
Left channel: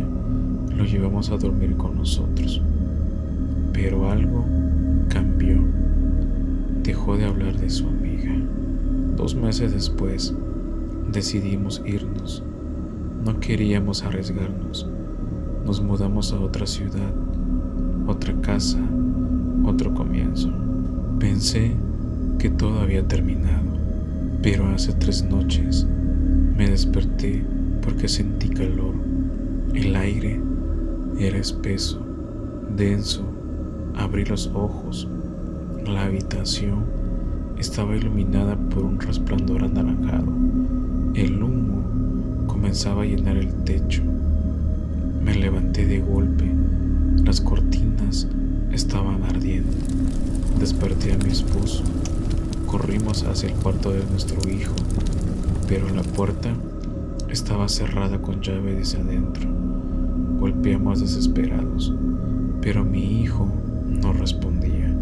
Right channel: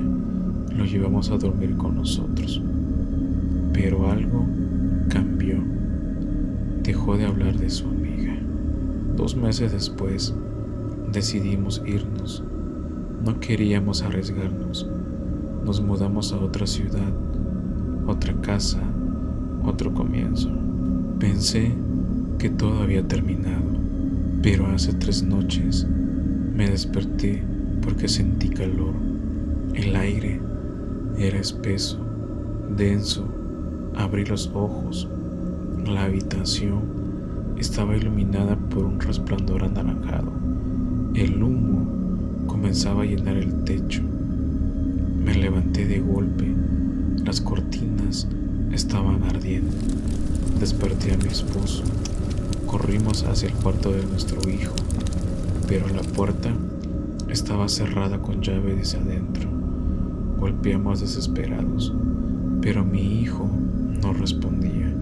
lo llevamos a dormir con nosotros. Pero algo cambió. Dejó de hablar de su amiga. 2 meses después, decidimos irnos. No queríamos arriesgarnos. Nos mudamos a otra ciudad, otra casa, otro comienzo. Pensé que todo había terminado, pero hace 3 noches me desperté porque sentí calor. El aire era espeso, denso. Abrí los ojos. La habitación estaba iluminada por un resplandor anaranjado. El humo comenzaba a llenar el techo. Me levanté de golpe. Las cortinas estaban ardiendo. Desperté a mi esposo. Corrimos hacia el cuarto de nuestro hijo, pero la puerta estaba cerrada con llave desde adentro. Golpeamos desesperados, pero mi hijo no respondía.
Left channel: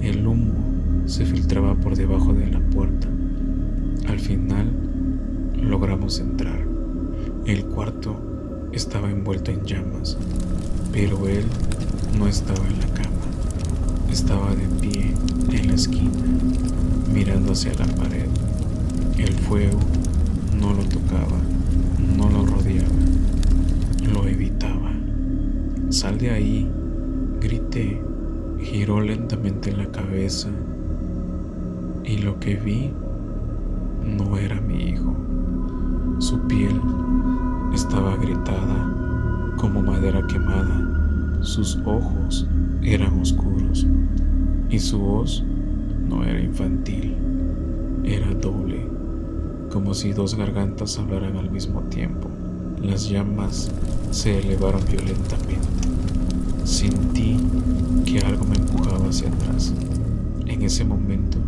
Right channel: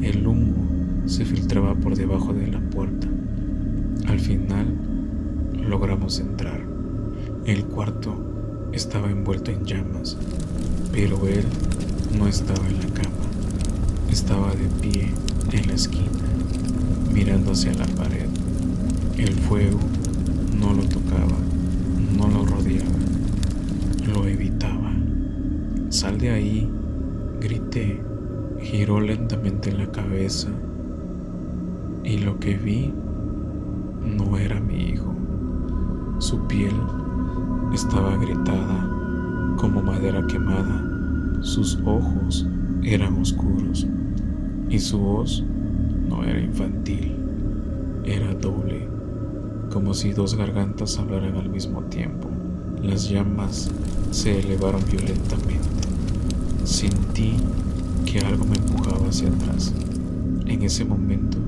El humo se filtraba por debajo de la puerta. Al final logramos entrar. El cuarto estaba envuelto en llamas, pero él no estaba en la cama. Estaba de pie en la esquina, mirando hacia la pared. El fuego no lo tocaba, no lo rodeaba, lo evitaba. «Sal de ahí», grité. Giró lentamente la cabeza y lo que vi no era mi hijo. Su piel estaba agrietada como madera quemada, sus ojos eran oscuros y su voz no era infantil, era doble, como si 2 gargantas hablaran al mismo tiempo. Las llamas se elevaron violentamente. Sentí que algo me empujaba hacia atrás. En ese momento,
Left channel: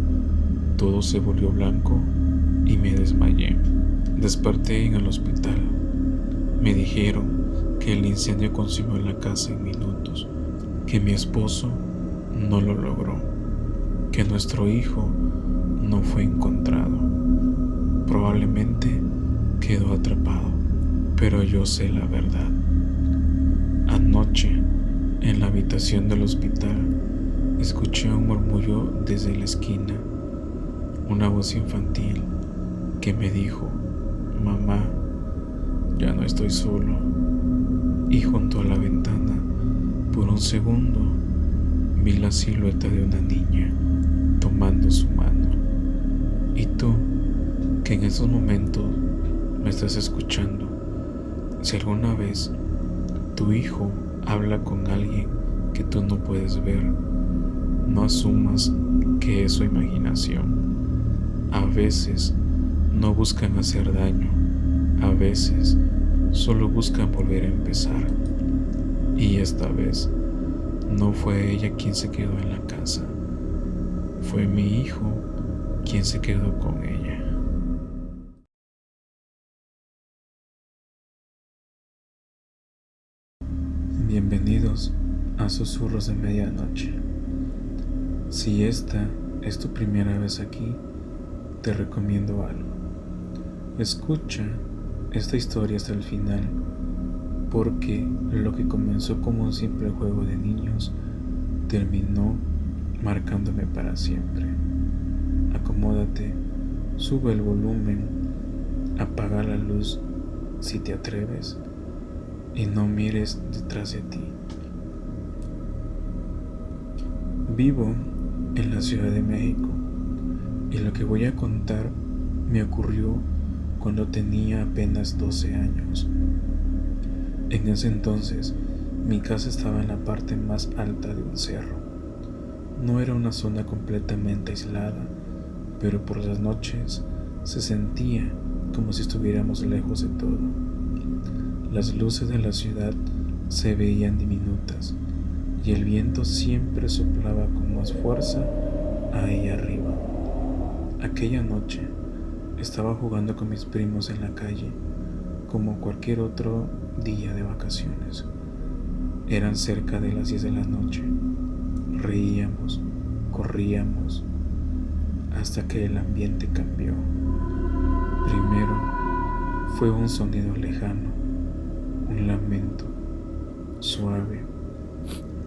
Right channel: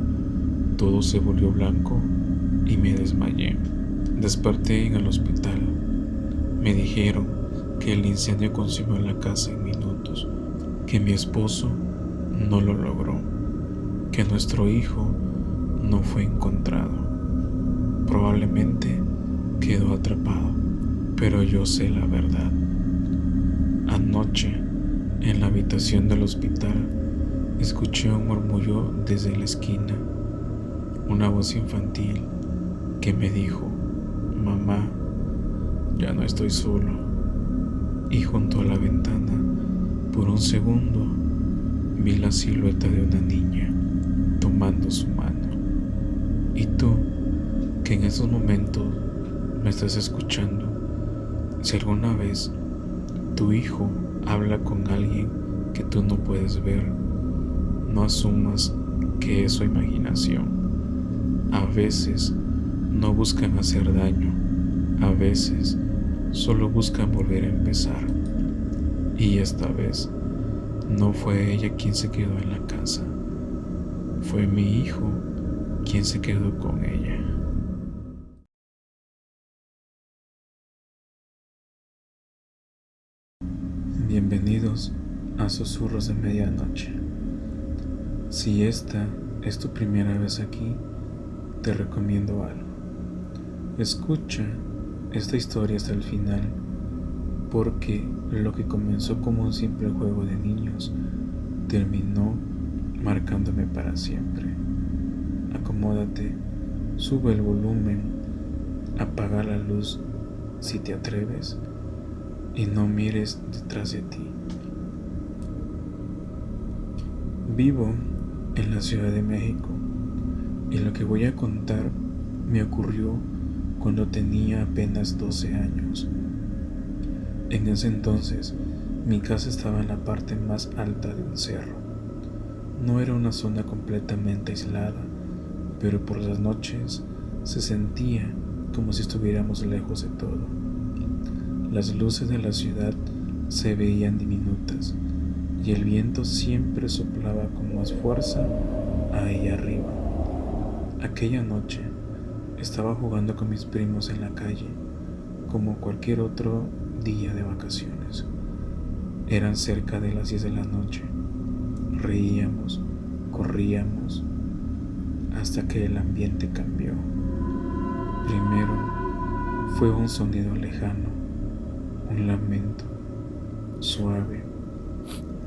todo se volvió blanco y me desmayé. Desperté en el hospital. Me dijeron que el incendio consumió la casa en minutos, que mi esposo no lo logró, que nuestro hijo no fue encontrado. Probablemente quedó atrapado, pero yo sé la verdad. Anoche, en la habitación del hospital, escuché un murmullo desde la esquina, una voz infantil que me dijo: mamá, ya no estoy solo. Y junto a la ventana, por un segundo, vi la silueta de una niña tomando su mano. Y tú, que en esos momentos me estás escuchando, si alguna vez tu hijo habla con alguien que tú no puedes ver, no asumas que es su imaginación. A veces no buscan hacer daño, a veces solo buscan volver a empezar. Y esta vez no fue ella quien se quedó en la casa, fue mi hijo quien se quedó con ella. Bienvenidos a Susurros de Medianoche. Si esta es tu primera vez aquí, te recomiendo algo. Escucha esta historia hasta el final, porque lo que comenzó como un simple juego de niños terminó marcándome para siempre. Acomódate, sube el volumen, apaga la luz si te atreves y no mires detrás de ti. Vivo en la Ciudad de México y lo que voy a contar me ocurrió cuando tenía apenas 12 años. En ese entonces, mi casa estaba en la parte más alta de un cerro. No era una zona completamente aislada, pero por las noches se sentía como si estuviéramos lejos de todo. Las luces de la ciudad se veían diminutas y el viento siempre soplaba con más fuerza ahí arriba. Aquella noche estaba jugando con mis primos en la calle, como cualquier otro día de vacaciones. Eran cerca de las 10 de la noche. Reíamos, corríamos, hasta que el ambiente cambió. Primero fue un sonido lejano, un lamento, suave,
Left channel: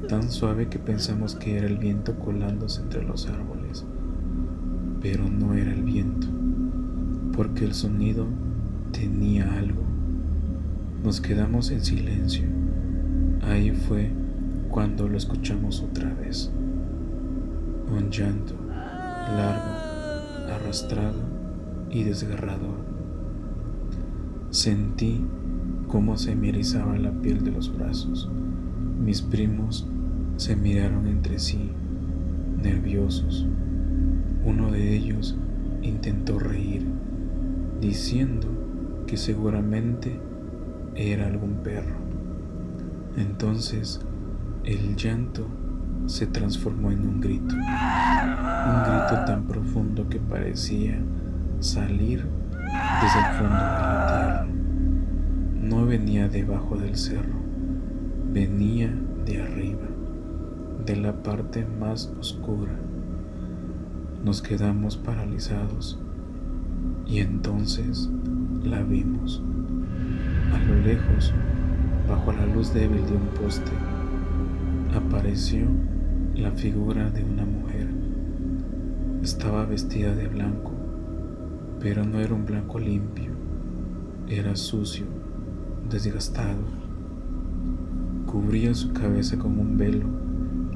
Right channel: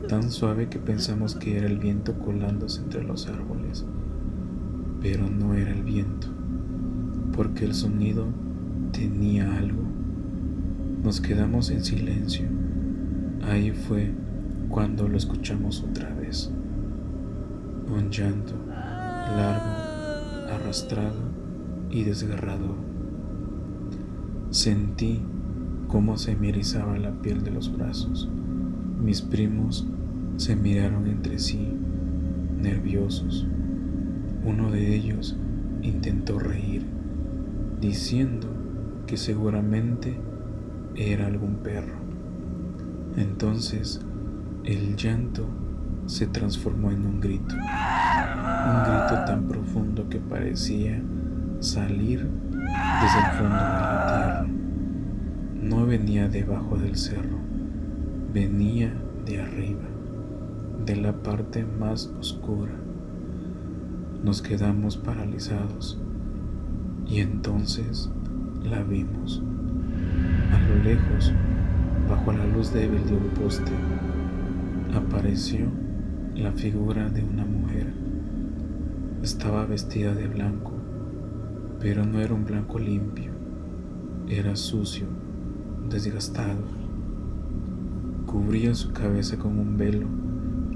tan suave que pensamos que era el viento colándose entre los árboles. Pero no era el viento, porque el sonido tenía algo. Nos quedamos en silencio. Ahí fue cuando lo escuchamos otra vez. Un llanto largo, arrastrado y desgarrador. Sentí cómo se me erizaba la piel de los brazos. Mis primos se miraron entre sí, nerviosos. Uno de ellos intentó reír, diciendo que seguramente era algún perro. Entonces, el llanto se transformó en un grito tan profundo que parecía salir desde el fondo de la tierra. No venía debajo del cerro, venía de arriba, de la parte más oscura. Nos quedamos paralizados y entonces la vimos. A lo lejos, bajo la luz débil de un poste, apareció la figura de una mujer. Estaba vestida de blanco, pero no era un blanco limpio, era sucio, desgastado. Cubría su cabeza con un velo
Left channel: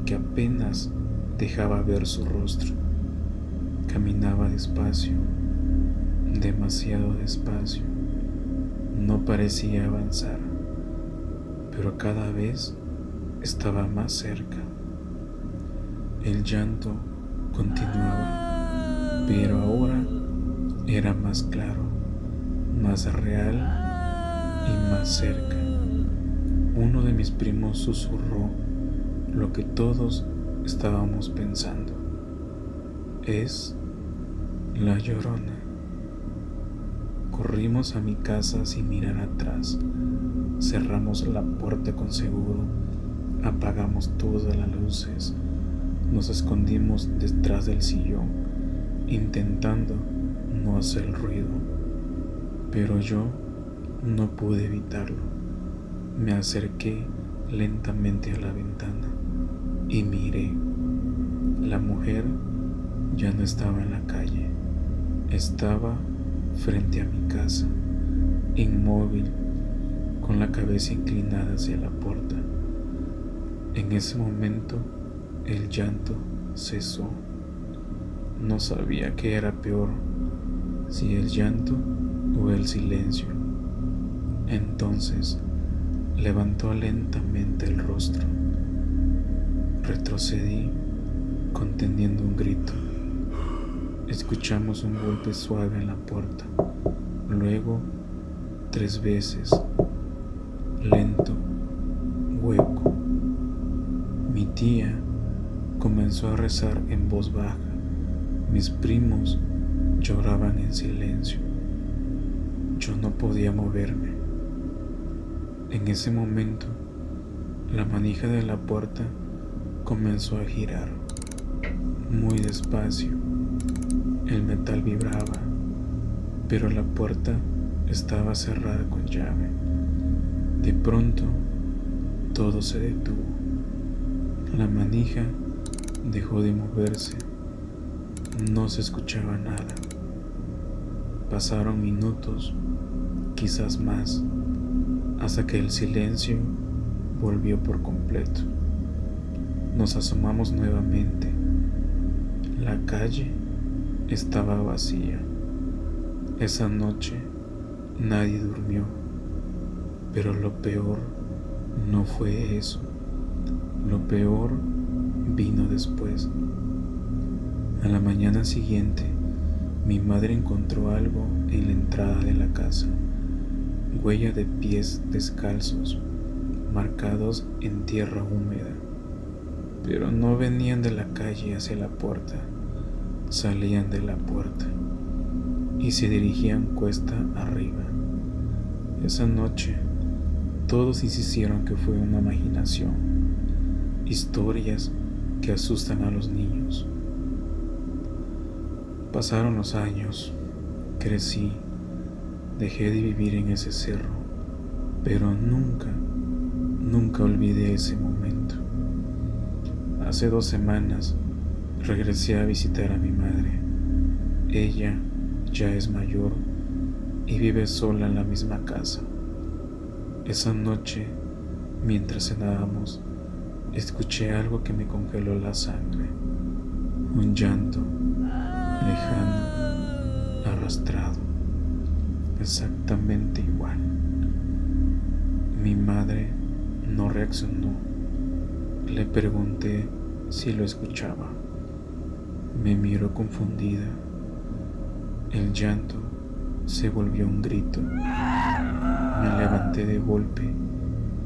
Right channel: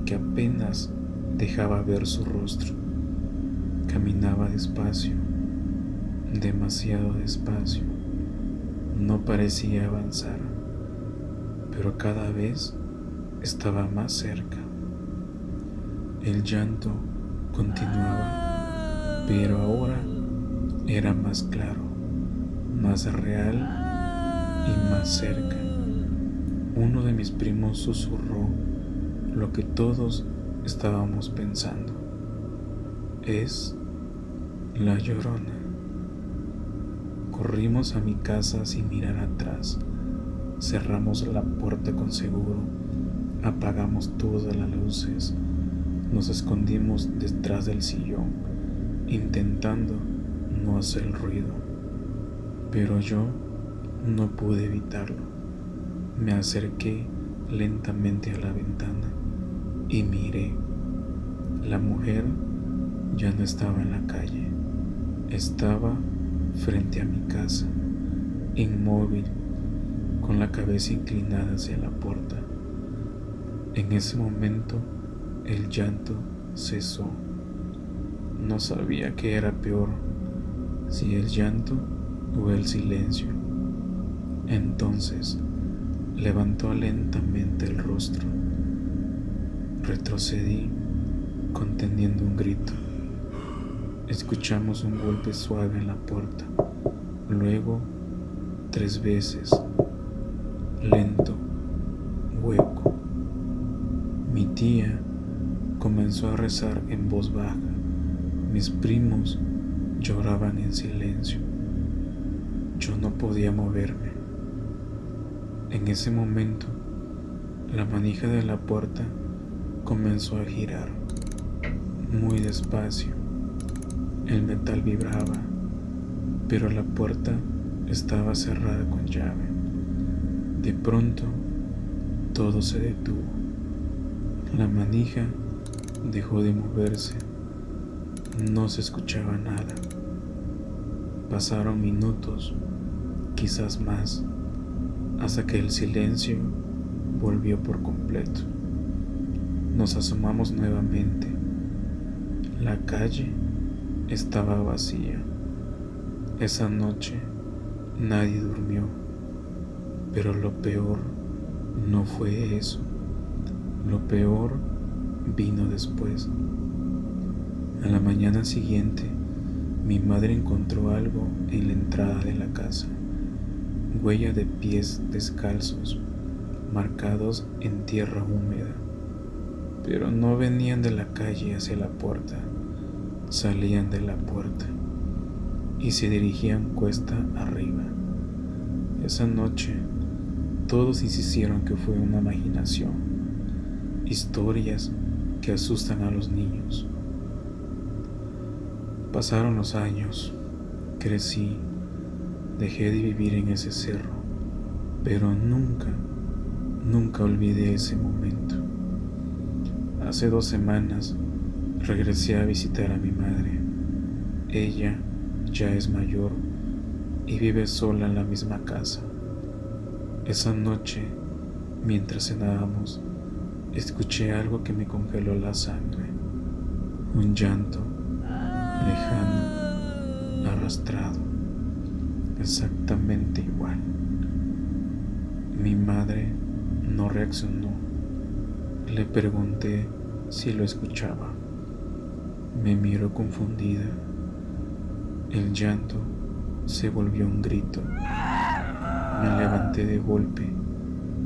que apenas dejaba ver su rostro. Caminaba despacio, demasiado despacio. No parecía avanzar, pero cada vez estaba más cerca. El llanto continuaba, pero ahora era más claro, más real y más cerca. Uno de mis primos susurró lo que todos estábamos pensando: es la Llorona. Corrimos a mi casa sin mirar atrás. Cerramos la puerta con seguro, apagamos todas las luces, Nos escondimos detrás del sillón, intentando no hacer ruido, pero yo no pude evitarlo. Me acerqué lentamente a la ventana y miré. La mujer ya no estaba en la calle, estaba frente a mi casa, inmóvil, con la cabeza inclinada hacia la puerta. En ese momento el llanto cesó. No sabía qué era peor, si el llanto o el silencio. Entonces levantó lentamente el rostro. Retrocedí conteniendo un grito. Escuchamos un golpe suave en la puerta, luego 3 veces, lento, hueco. Mi tía comenzó a rezar en voz baja. Mis primos lloraban en silencio. Yo no podía moverme. En ese momento, la manija de la puerta comenzó a girar, muy despacio. El metal vibraba, pero la puerta estaba cerrada con llave. De pronto, todo se detuvo. La manija dejó de moverse. No se escuchaba nada. Pasaron minutos, quizás más, hasta que el silencio volvió por completo. Nos asomamos nuevamente. La calle estaba vacía. Esa noche nadie durmió, pero lo peor no fue eso. Lo peor vino después. A la mañana siguiente, mi madre encontró algo en la entrada de la casa, huella de pies descalzos, marcados en tierra húmeda, pero no venían de la calle hacia la puerta, salían de la puerta y se dirigían cuesta arriba. Esa noche, todos insistieron que fue una imaginación, historias que asustan a los niños. Pasaron los años, crecí, dejé de vivir en ese cerro, pero nunca olvidé ese momento. Hace 2 semanas regresé a visitar a mi madre. Ella ya es mayor y vive sola en la misma casa. Esa noche, mientras cenábamos, escuché algo que me congeló la sangre. Un llanto lejano, arrastrado, exactamente igual. Mi madre no reaccionó. Le pregunté si lo escuchaba. Me miró confundida. El llanto se volvió un grito. Me levanté de golpe,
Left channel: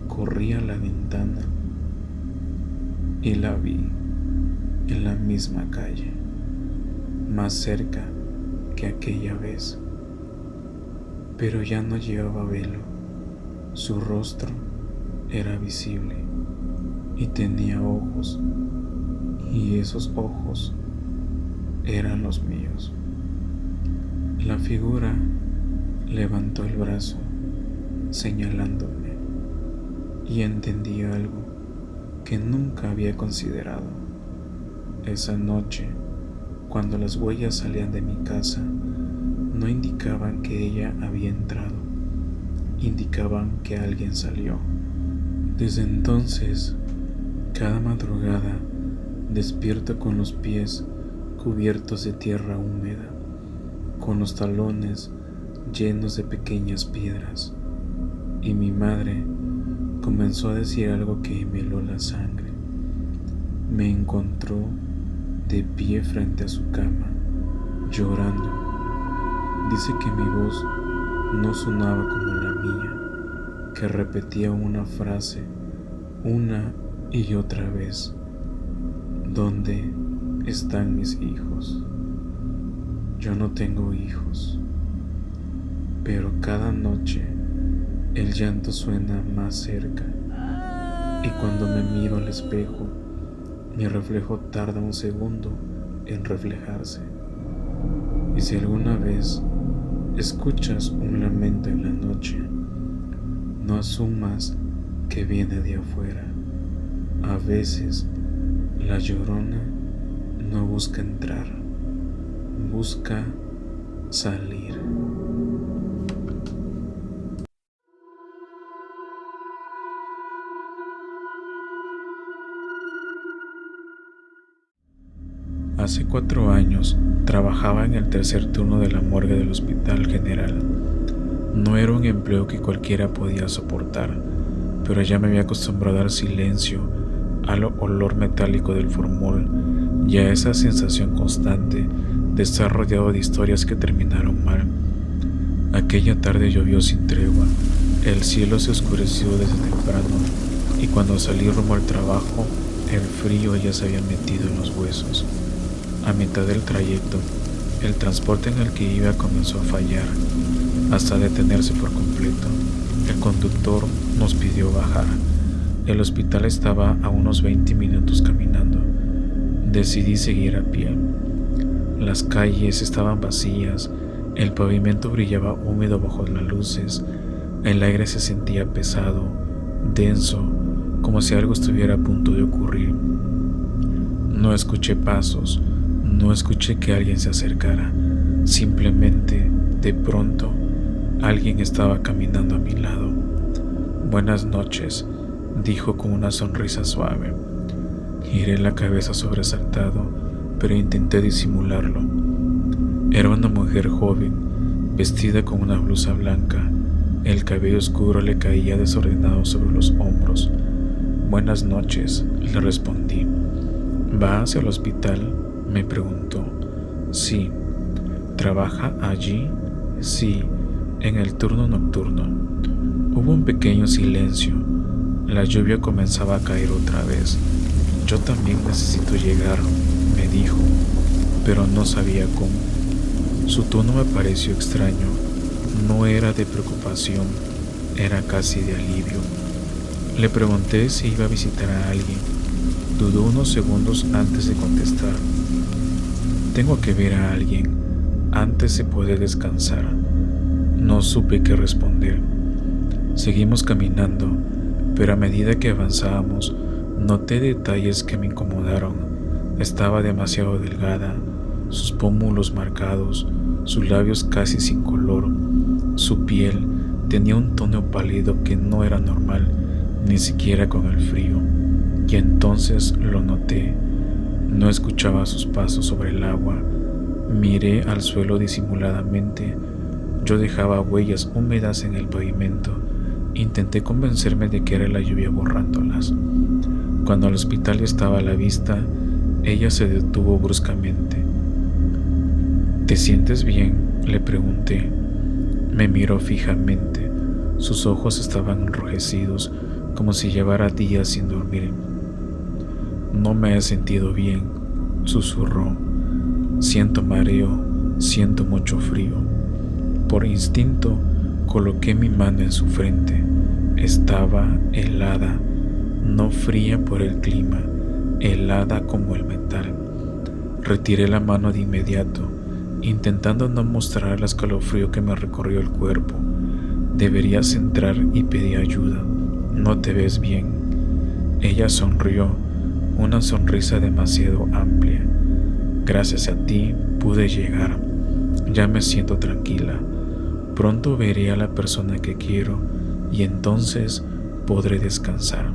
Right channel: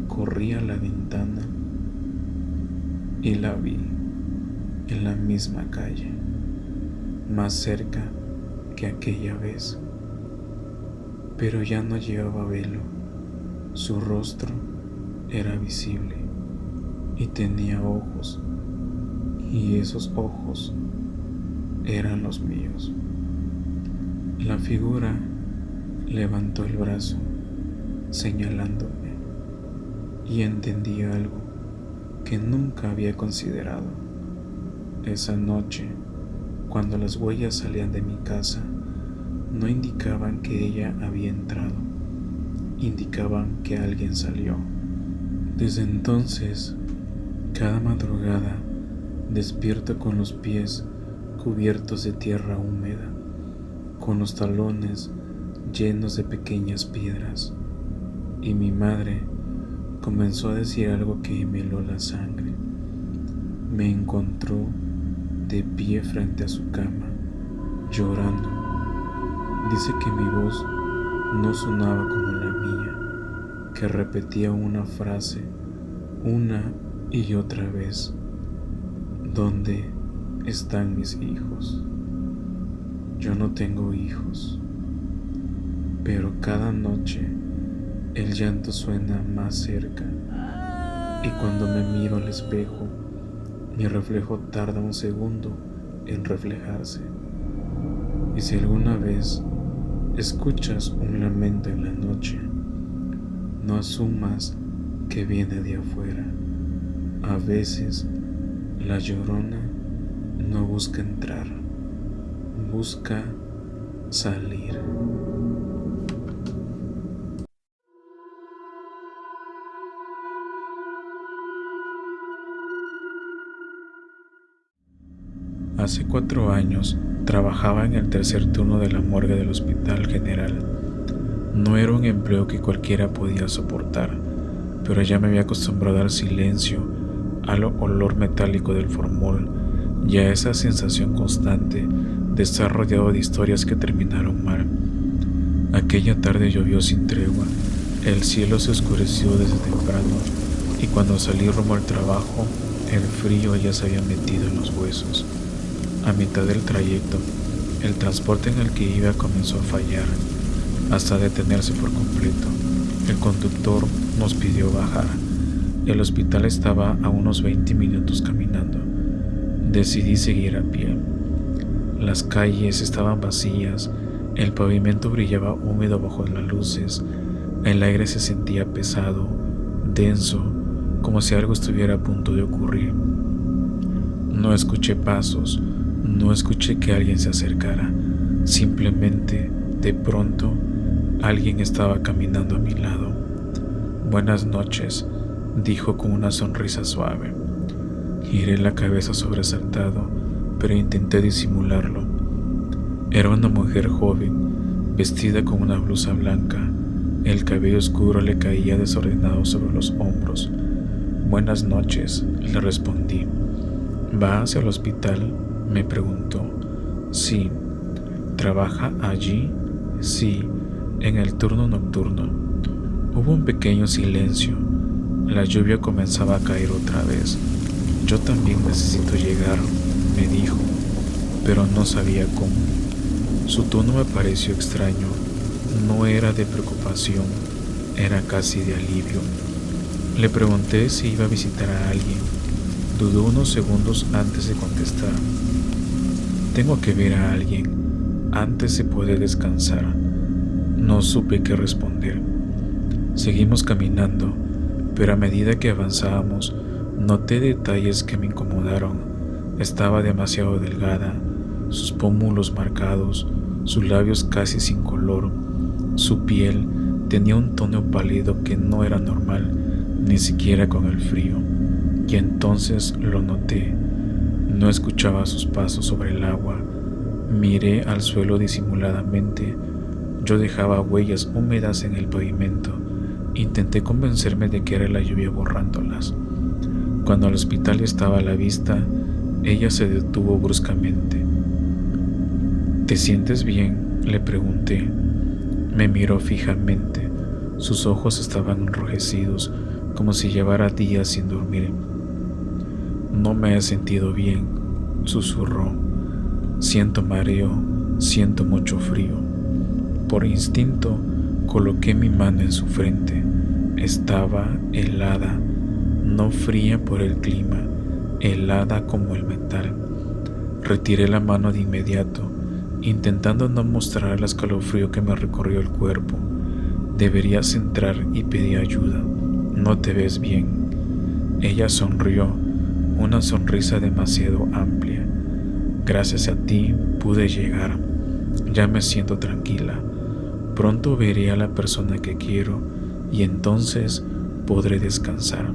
corrí a la ventana y la vi en la misma calle, más cerca que aquella vez. Pero ya no llevaba velo. Su rostro era visible y tenía ojos, y esos ojos eran los míos. La figura levantó el brazo, señalándome, y entendí algo que nunca había considerado. Esa noche, cuando las huellas salían de mi casa, no indicaban que ella había entrado, indicaban que alguien salió. Desde entonces, cada madrugada despierto con los pies cubiertos de tierra húmeda, con los talones llenos de pequeñas piedras, y mi madre comenzó a decir algo que me heló la sangre. Me encontró de pie frente a su cama, llorando. Dice que mi voz no sonaba como la mía, que repetía una frase una y otra vez: ¿dónde están mis hijos? Yo no tengo hijos, pero cada noche el llanto suena más cerca, y cuando me miro al espejo Mi reflejo tarda un segundo en reflejarse. Y si alguna vez escuchas un lamento en la noche, no asumas que viene de afuera. A veces la llorona no busca entrar, busca salir. Hace 4 años trabajaba en el tercer turno de la morgue del Hospital General. No era un empleo que cualquiera podía soportar, pero ya me había acostumbrado al silencio, al olor metálico del formol y a esa sensación constante de estar rodeado de historias que terminaron mal. Aquella tarde llovió sin tregua, el cielo se oscureció desde temprano y cuando salí rumbo al trabajo, el frío ya se había metido en los huesos. A mitad del trayecto, el transporte en el que iba comenzó a fallar, hasta detenerse por completo. El conductor nos pidió bajar. El hospital estaba a unos 20 minutos caminando. Decidí seguir a pie. Las calles estaban vacías, el pavimento brillaba húmedo bajo las luces, el aire se sentía pesado, denso, como si algo estuviera a punto de ocurrir. No escuché pasos, no escuché que alguien se acercara, simplemente, de pronto, alguien estaba caminando a mi lado. «Buenas noches», dijo con una sonrisa suave. Giré la cabeza sobresaltado, pero intenté disimularlo. Era una mujer joven, vestida con una blusa blanca. El cabello oscuro le caía desordenado sobre los hombros. «Buenas noches», le respondí. «¿Va hacia el hospital?», me preguntó. «Sí». «¿Trabaja allí?». «Sí, en el turno nocturno». Hubo un pequeño silencio. La lluvia comenzaba a caer otra vez. «Yo también necesito llegar», me dijo, pero no sabía cómo. Su tono me pareció extraño. No era de preocupación, era casi de alivio. Le pregunté si iba a visitar a alguien. Dudó unos segundos antes de contestar. «Tengo que ver a alguien antes de poder descansar». No supe qué responder. Seguimos caminando, pero a medida que avanzábamos, noté detalles que me incomodaron. Estaba demasiado delgada, sus pómulos marcados, sus labios casi sin color. Su piel tenía un tono pálido que no era normal, ni siquiera con el frío. Y entonces lo noté. No escuchaba sus pasos sobre el agua. Miré al suelo disimuladamente. Yo dejaba huellas húmedas en el pavimento. Intenté convencerme de que era la lluvia borrándolas. Cuando el hospital estaba a la vista, ella se detuvo bruscamente. «¿Te sientes bien?», le pregunté. Me miró fijamente. Sus ojos estaban enrojecidos, como si llevara días sin dormir. «No me he sentido bien», susurró. «Siento mareo, siento mucho frío». Por instinto, coloqué mi mano en su frente. Estaba helada, no fría por el clima, helada como el metal. Retiré la mano de inmediato, intentando no mostrar el escalofrío que me recorrió el cuerpo. «Deberías entrar y pedir ayuda. No te ves bien». Ella sonrió, una sonrisa demasiado amplia. «Gracias a ti pude llegar. Ya me siento tranquila. Pronto veré a la persona que quiero y entonces podré descansar».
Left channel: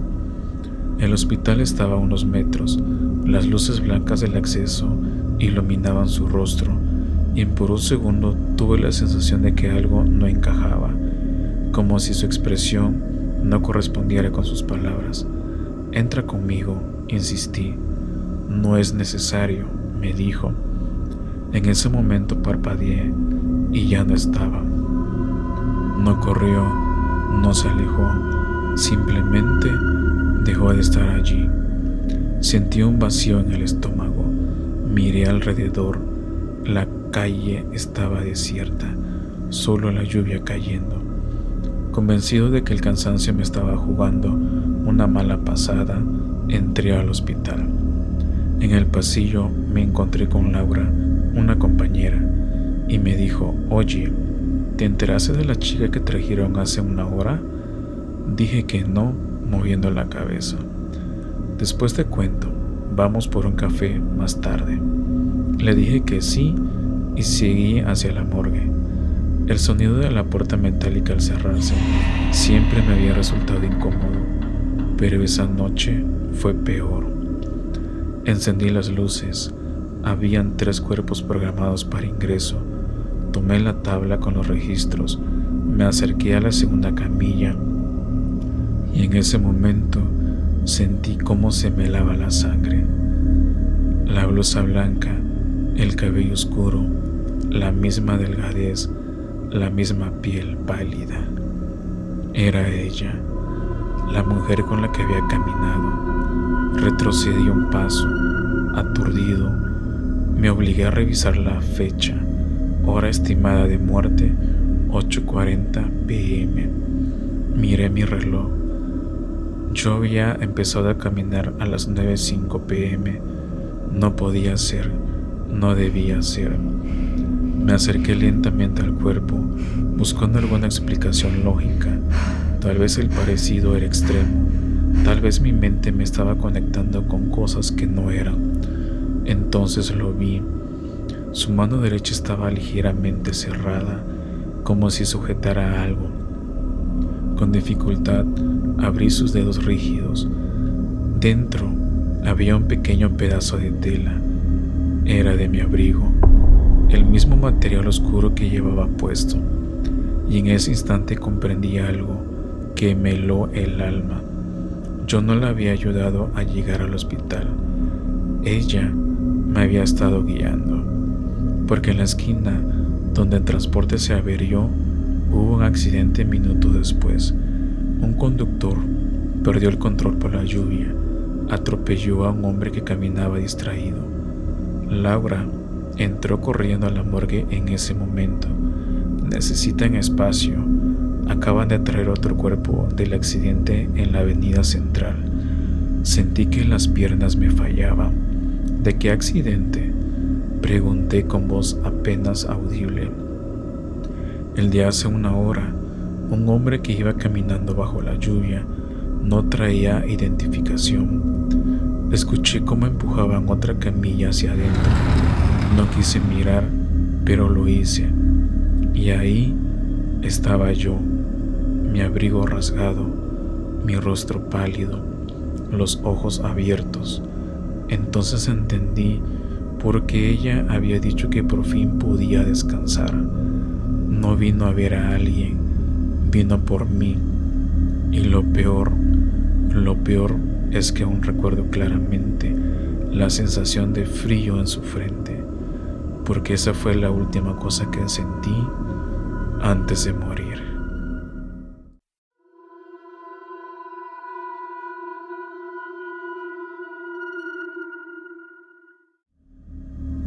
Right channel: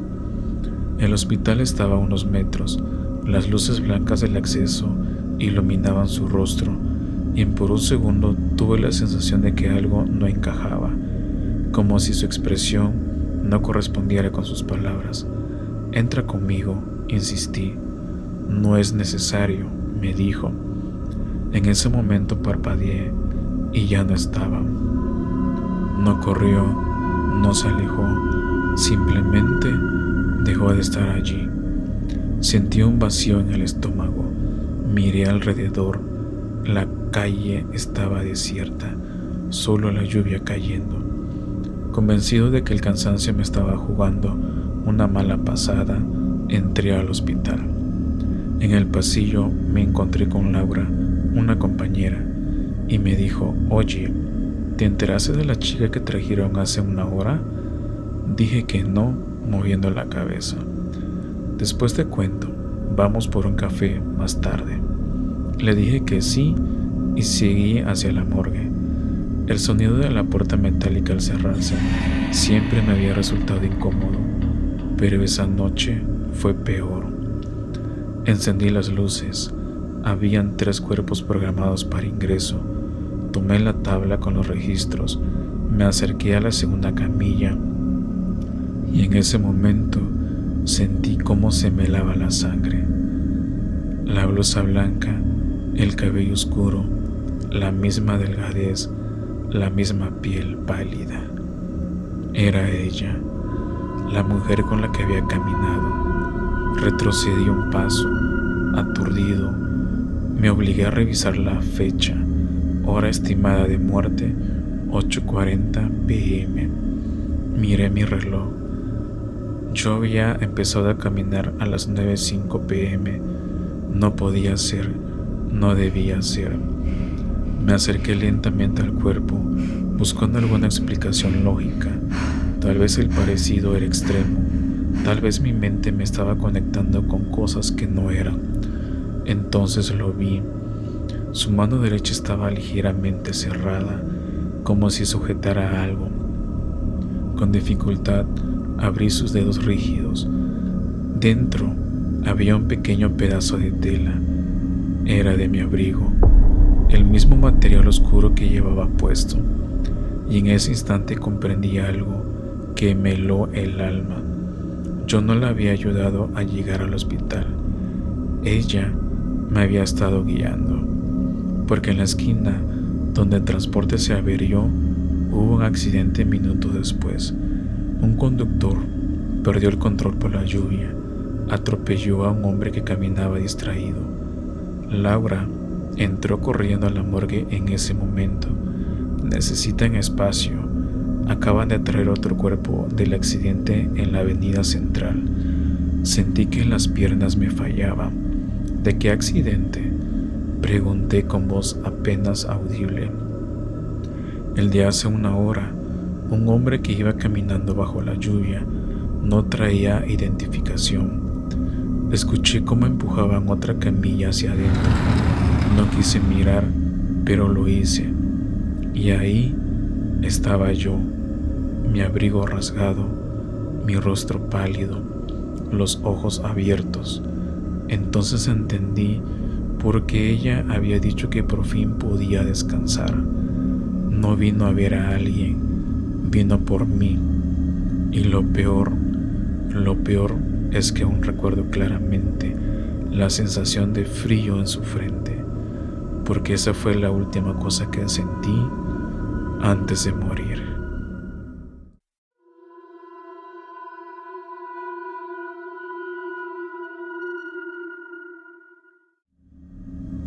El hospital estaba a unos metros. Las luces blancas del acceso iluminaban su rostro y por un segundo tuve la sensación de que algo no encajaba, como si su expresión no correspondiera con sus palabras. «Entra conmigo», insistí. «No es necesario», me dijo. En ese momento parpadeé y ya no estaba. No corrió, no se alejó, simplemente dejó de estar allí. Sentí un vacío en el estómago. Miré alrededor. La calle estaba desierta, solo la lluvia cayendo. Convencido de que el cansancio me estaba jugando una mala pasada, entré al hospital. En el pasillo me encontré con Laura, una compañera, y me dijo: «Oye, ¿te enteraste de la chica que trajeron hace una hora?». Dije que no, moviendo la cabeza. «Después te cuento, vamos por un café más tarde». Le dije que sí y seguí hacia la morgue. El sonido de la puerta metálica al cerrarse siempre me había resultado incómodo, pero esa noche fue peor. Encendí las luces. Habían 3 cuerpos programados para ingreso. Tomé la tabla con los registros, me acerqué a la segunda camilla y en ese momento sentí cómo se me helaba la sangre. La blusa blanca, el cabello oscuro, la misma delgadez, la misma piel pálida. Era ella, la mujer con la que había caminado. Retrocedí un paso, aturdido. Me obligué a revisar la fecha, hora estimada de muerte, 8:40 p.m. Miré mi reloj. Yo había empezado a caminar a las 9:05 p.m. No podía ser, no debía ser. Me acerqué lentamente al cuerpo, buscando alguna explicación lógica. Tal vez el parecido era extremo. Tal vez mi mente me estaba conectando con cosas que no eran. Entonces lo vi. Su mano derecha estaba ligeramente cerrada, como si sujetara algo. Con dificultad abrí sus dedos rígidos. Dentro había un pequeño pedazo de tela. Era de mi abrigo, el mismo material oscuro que llevaba puesto. Y en ese instante comprendí algo que me heló el alma. Yo no la había ayudado a llegar al hospital. Ella me había estado guiando, porque en la esquina donde el transporte se averió hubo un accidente minutos después. Un conductor perdió el control por la lluvia, atropelló a un hombre que caminaba distraído. Laura entró corriendo a la morgue en ese momento. «Necesitan espacio. Acaban de traer otro cuerpo del accidente en la avenida central». Sentí que las piernas me fallaban. «¿De qué accidente?», pregunté con voz apenas audible. «El de hace una hora. Un hombre que iba caminando bajo la lluvia. No traía identificación». Escuché cómo empujaban otra camilla hacia adentro. No quise mirar, pero lo hice. Y ahí estaba yo, mi abrigo rasgado, mi rostro pálido, los ojos abiertos. Entonces entendí por qué ella había dicho que por fin podía descansar. No vino a ver a alguien, vino por mí. Y lo peor es que aún recuerdo claramente la sensación de frío en su frente, porque esa fue la última cosa que sentí antes de morir.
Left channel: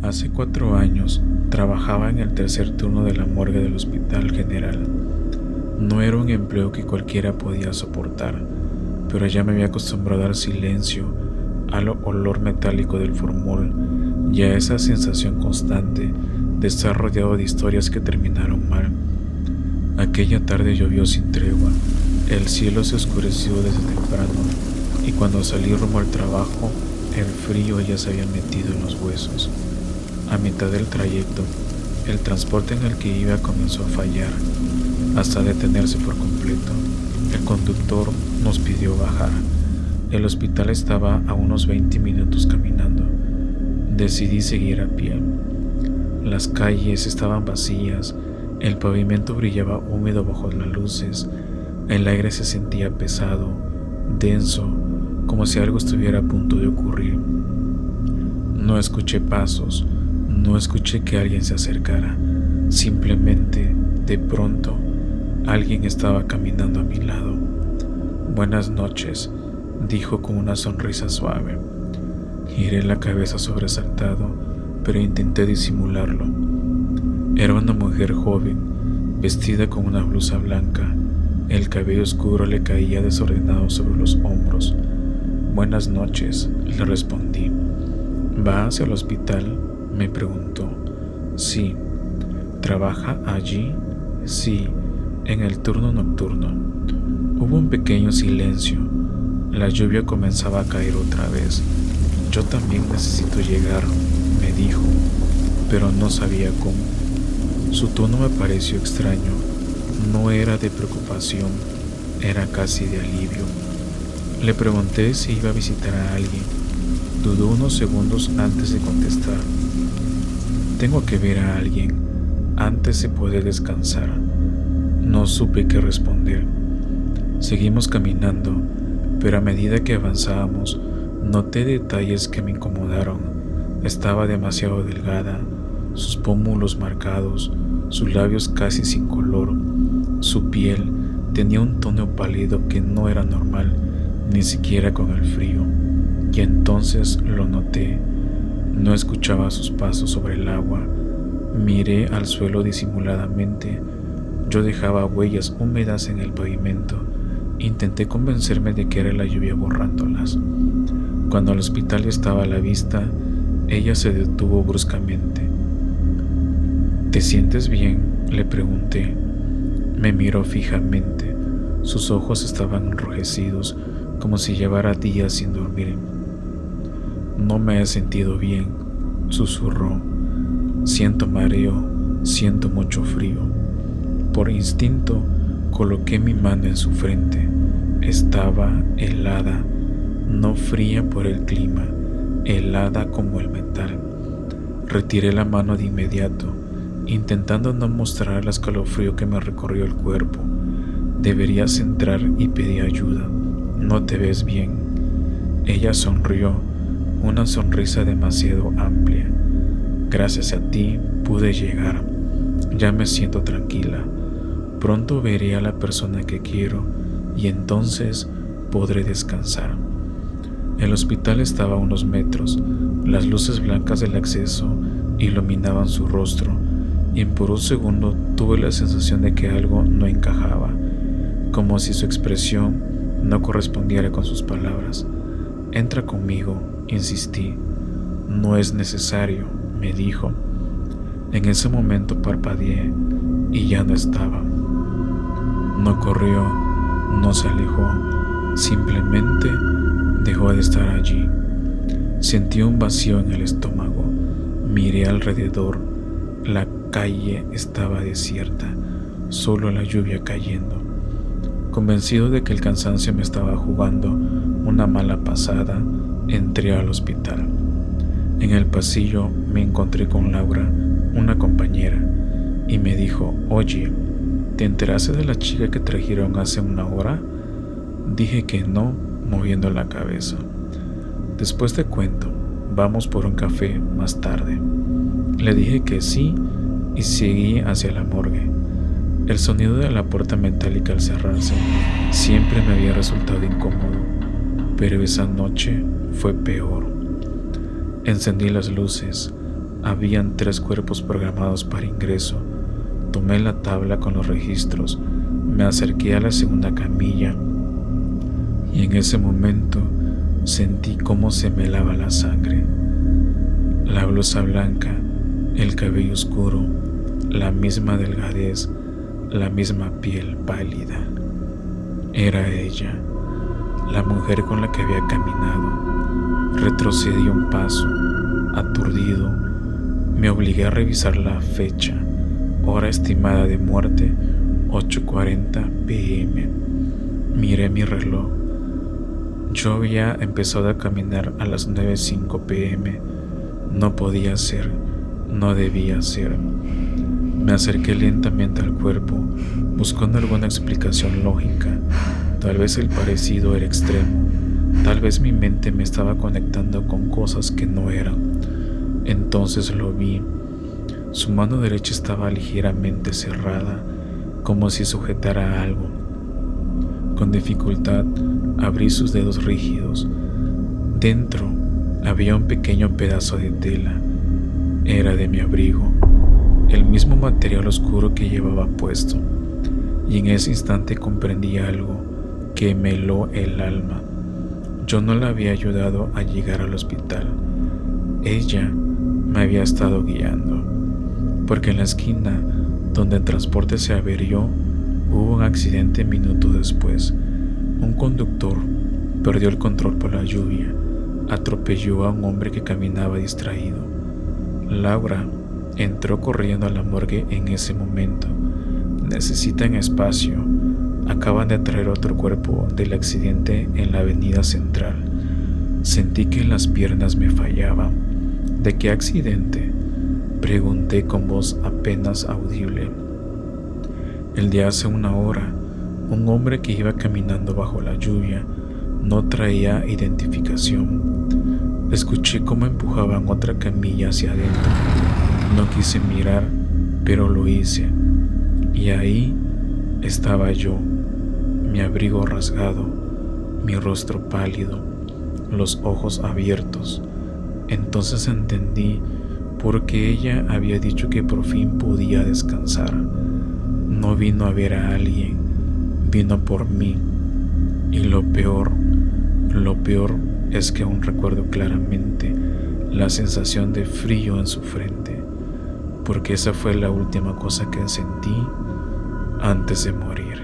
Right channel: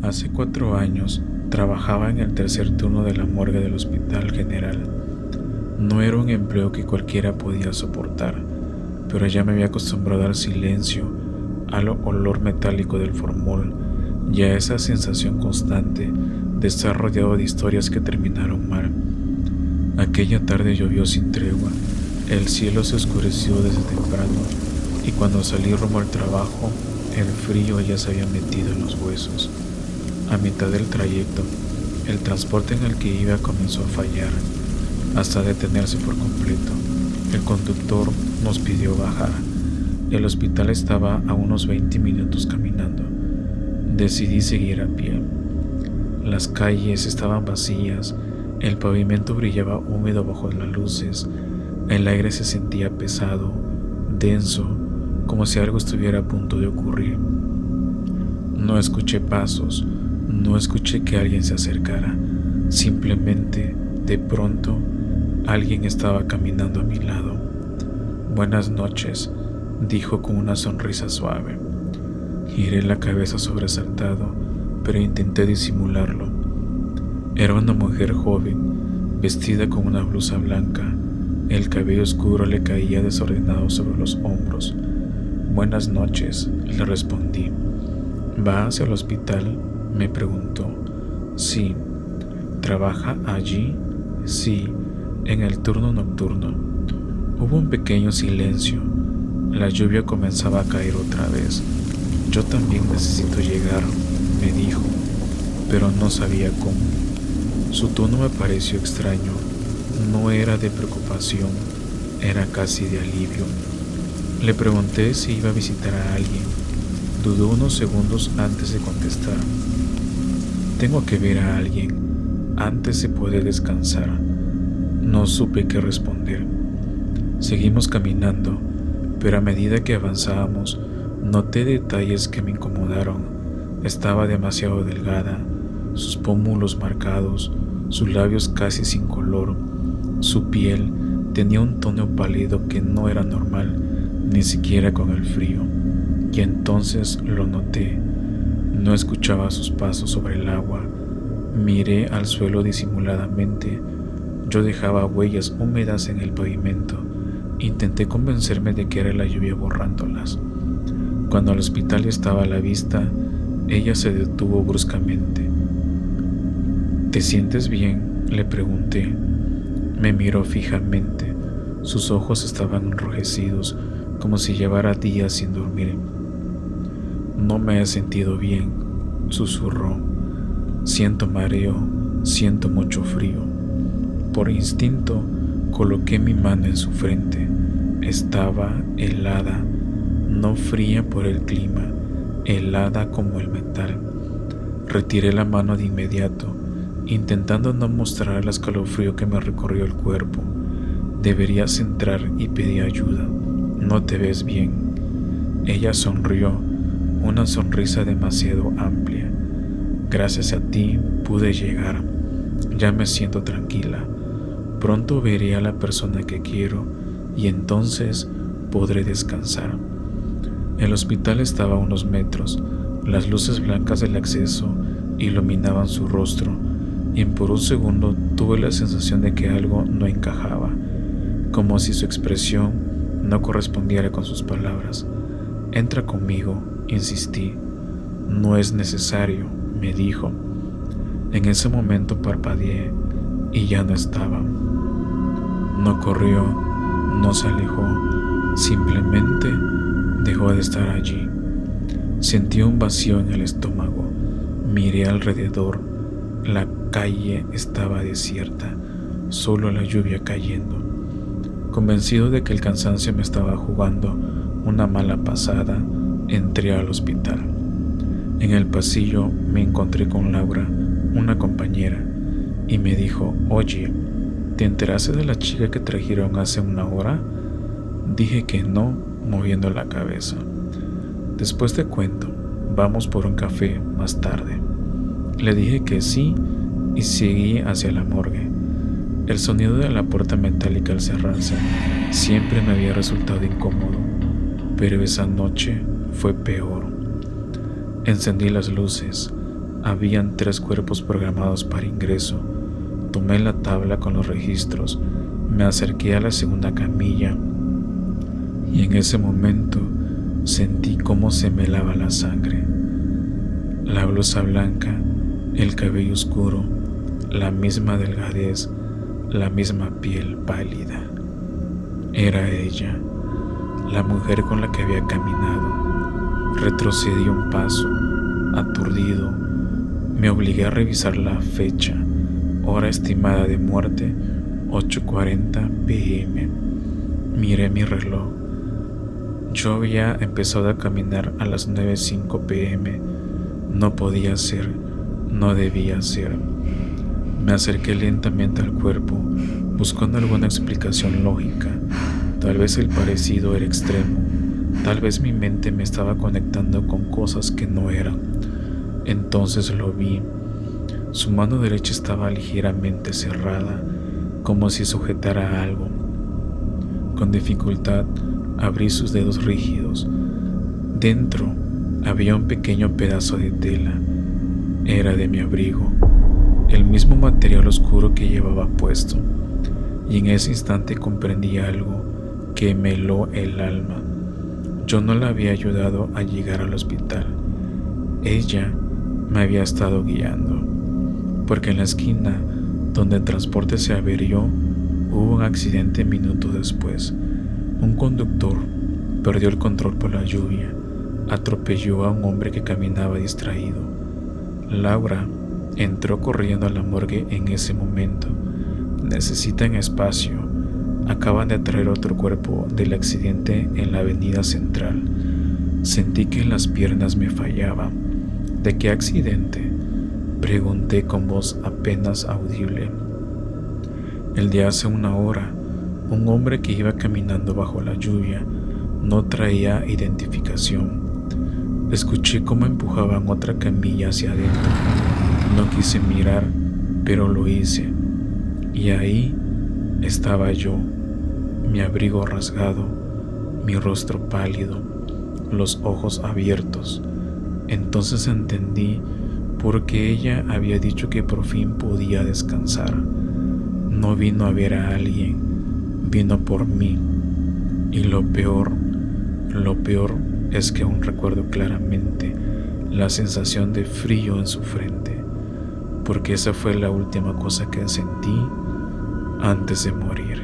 Hace 4 años trabajaba en el tercer turno de la morgue del Hospital General. No era un empleo que cualquiera podía soportar, pero ya me había acostumbrado al silencio, al olor metálico del formol y a esa sensación constante de estar rodeado de historias que terminaron mal. Aquella tarde llovió sin tregua, el cielo se oscureció desde temprano y cuando salí rumbo al trabajo, el frío ya se había metido en los huesos. A mitad del trayecto, el transporte en el que iba comenzó a fallar, hasta detenerse por completo. El conductor nos pidió bajar. El hospital estaba a unos 20 minutos caminando. Decidí seguir a pie. Las calles estaban vacías, el pavimento brillaba húmedo bajo las luces, el aire se sentía pesado, denso, como si algo estuviera a punto de ocurrir. No escuché pasos, no escuché que alguien se acercara. Simplemente, de pronto, alguien estaba caminando a mi lado. «Buenas noches», dijo con una sonrisa suave. Giré la cabeza sobresaltado, pero intenté disimularlo. Era una mujer joven, vestida con una blusa blanca. El cabello oscuro le caía desordenado sobre los hombros. «Buenas noches», le respondí. ¿Va hacia el hospital?, me preguntó. Sí. ¿Trabaja allí? Sí, en el turno nocturno. Hubo un pequeño silencio. La lluvia comenzaba a caer otra vez. Yo también necesito llegar, me dijo, pero no sabía cómo. Su tono me pareció extraño. No era de preocupación, era casi de alivio. Le pregunté si iba a visitar a alguien. Dudó unos segundos antes de contestar. Tengo que ver a alguien antes de poder descansar. No supe qué responder. Seguimos caminando, pero a medida que avanzábamos, noté detalles que me incomodaron. Estaba demasiado delgada, sus pómulos marcados, sus labios casi sin color. Su piel tenía un tono pálido que no era normal, ni siquiera con el frío. Y entonces lo noté. No escuchaba sus pasos sobre el agua. Miré al suelo disimuladamente. Yo dejaba huellas húmedas en el pavimento. Intenté convencerme de que era la lluvia borrándolas. Cuando el hospital estaba a la vista, ella se detuvo bruscamente. ¿Te sientes bien?, le pregunté. Me miró fijamente. Sus ojos estaban enrojecidos, como si llevara días sin dormir. No me he sentido bien, susurró. Siento mareo, siento mucho frío. Por instinto, coloqué mi mano en su frente. Estaba helada, no fría por el clima, helada como el metal. Retiré la mano de inmediato, intentando no mostrar el escalofrío que me recorrió el cuerpo. Deberías entrar y pedir ayuda. No te ves bien. Ella sonrió, una sonrisa demasiado amplia. Gracias a ti pude llegar. Ya me siento tranquila. Pronto veré a la persona que quiero y entonces podré descansar. El hospital estaba a unos metros. Las luces blancas del acceso iluminaban su rostro y por un segundo tuve la sensación de que algo no encajaba, como si su expresión no correspondiera con sus palabras. Entra conmigo, insistí. No es necesario, me dijo. En ese momento parpadeé y ya no estaba. No corrió, no se alejó, simplemente dejó de estar allí. Sentí un vacío en el estómago. Miré alrededor. La calle estaba desierta, solo la lluvia cayendo. Convencido de que el cansancio me estaba jugando una mala pasada, entré al hospital. En el pasillo me encontré con Laura, una compañera, y me dijo: «Oye, ¿te enteraste de la chica que trajeron hace una hora?». Dije que no, moviendo la cabeza. «Después te cuento, vamos por un café más tarde». Le dije que sí y seguí hacia la morgue. El sonido de la puerta metálica al cerrarse siempre me había resultado incómodo, pero esa noche fue peor. Encendí las luces. Habían 3 cuerpos programados para ingreso. Tomé la tabla con los registros. Me acerqué a la segunda camilla y en ese momento sentí cómo se me helaba la sangre. La blusa blanca, el cabello oscuro, la misma delgadez, la misma piel pálida. Era ella, la mujer con la que había caminado. Retrocedí un paso, aturdido. Me obligué a revisar la fecha, hora estimada de muerte, 8:40 p.m. Miré mi reloj. Yo había empezado a caminar a las 9:05 p.m. No podía ser, no debía ser. Me acerqué lentamente al cuerpo, buscando alguna explicación lógica. Tal vez el parecido era extremo. Tal vez mi mente me estaba conectando con cosas que no eran. Entonces lo vi. Su mano derecha estaba ligeramente cerrada, como si sujetara algo. Con dificultad abrí sus dedos rígidos. Dentro había un pequeño pedazo de tela. Era de mi abrigo, el mismo material oscuro que llevaba puesto. Y en ese instante comprendí algo que me heló el alma. Yo no la había ayudado a llegar al hospital. Ella me había estado guiando, porque en la esquina donde el transporte se averió hubo un accidente minutos después. Un conductor perdió el control por la lluvia, atropelló a un hombre que caminaba distraído. Laura entró corriendo a la morgue en ese momento. Necesitan espacio. Acaban de traer otro cuerpo del accidente en la avenida central. Sentí que las piernas me fallaban. ¿De qué accidente?, pregunté con voz apenas audible. El de hace una hora. Un hombre que iba caminando bajo la lluvia. No traía identificación. Escuché cómo empujaban otra camilla hacia adentro. No quise mirar, pero lo hice. Y ahí estaba yo, mi abrigo rasgado, mi rostro pálido, los ojos abiertos. Entonces entendí por qué ella había dicho que por fin podía descansar. No vino a ver a alguien, vino por mí. Y lo peor es que aún recuerdo claramente la sensación de frío en su frente, porque esa fue la última cosa que sentí antes de morir.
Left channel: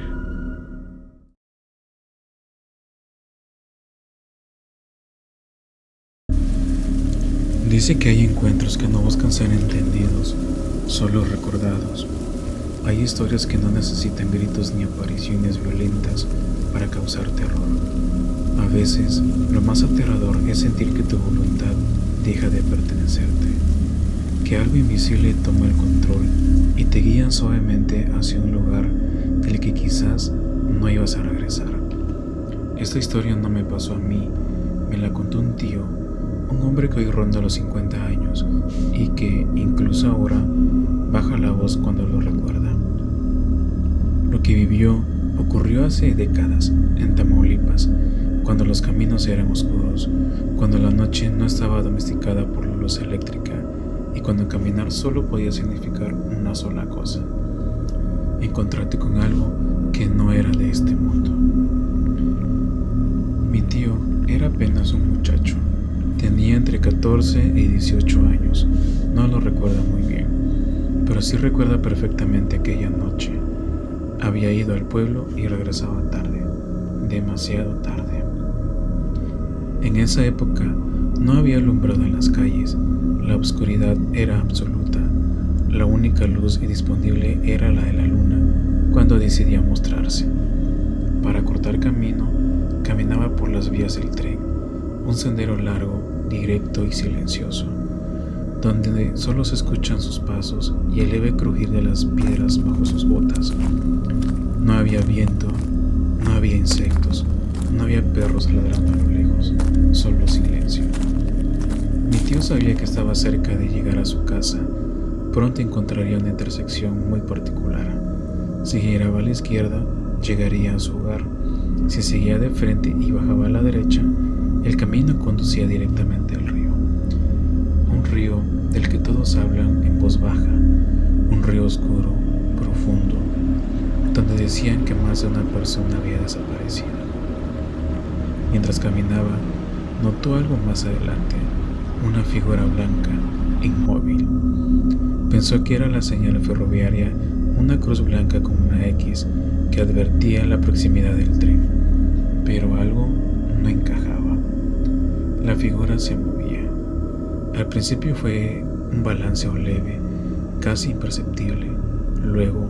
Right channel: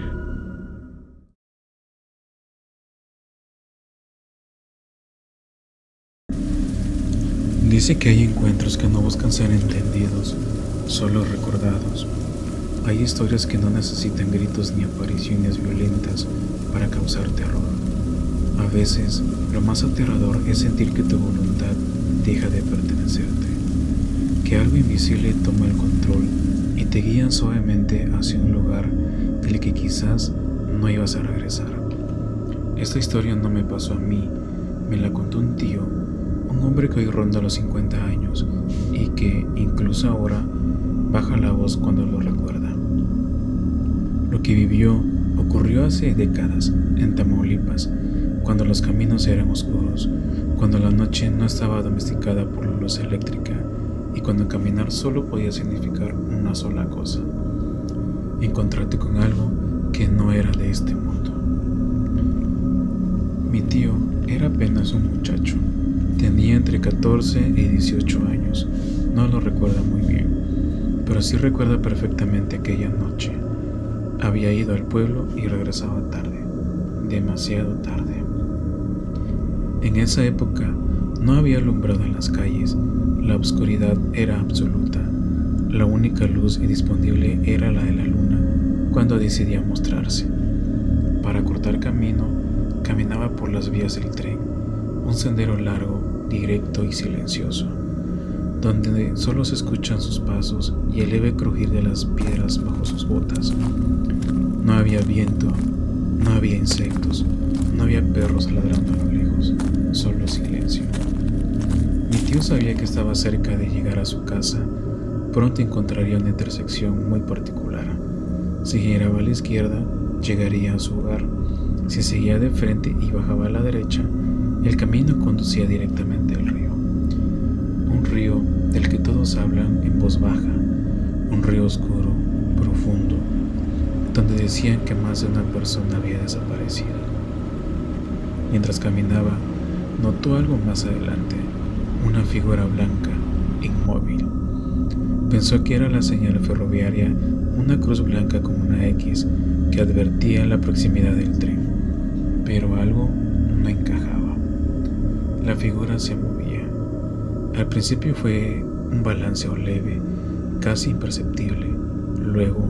Dice que hay encuentros que no buscan ser entendidos, solo recordados. Hay historias que no necesitan gritos ni apariciones violentas para causar terror. A veces, lo más aterrador es sentir que tu voluntad deja de pertenecerte, que algo invisible toma el control y te guía suavemente hacia un lugar del que quizás no ibas a regresar. Esta historia no me pasó a mí, me la contó un tío, un hombre que hoy ronda los 50 años y que, incluso ahora, baja la voz cuando lo recuerda. Lo que vivió ocurrió hace décadas, en Tamaulipas, cuando los caminos eran oscuros, cuando la noche no estaba domesticada por la luz eléctrica y cuando caminar solo podía significar una sola cosa: encontrarte con algo que no era de este mundo. Mi tío era apenas un muchacho. Tenía entre 14 y 18 años, no lo recuerda muy bien, pero sí recuerda perfectamente aquella noche. Había ido al pueblo y regresaba tarde, demasiado tarde. En esa época no había alumbrado en las calles, la oscuridad era absoluta, la única luz disponible era la de la luna cuando decidía mostrarse. Para cortar camino, caminaba por las vías del tren, un sendero largo, directo y silencioso, donde solo se escuchan sus pasos y el leve crujir de las piedras bajo sus botas. No había viento, no había insectos, no había perros ladrando a lo lejos, solo silencio. Mi tío sabía que estaba cerca de llegar a su casa. Pronto encontraría una intersección muy particular. Si giraba a la izquierda, llegaría a su hogar. Si seguía de frente y bajaba a la derecha, el camino conducía directamente al río. Un río del que todos hablan en voz baja, un río oscuro, profundo, donde decían que más de una persona había desaparecido. Mientras caminaba, notó algo más adelante, una figura blanca, inmóvil. Pensó que era la señal ferroviaria, una cruz blanca con una X que advertía la proximidad del tren, pero algo no encajaba. La figura se movía. Al principio fue un balanceo leve, casi imperceptible, luego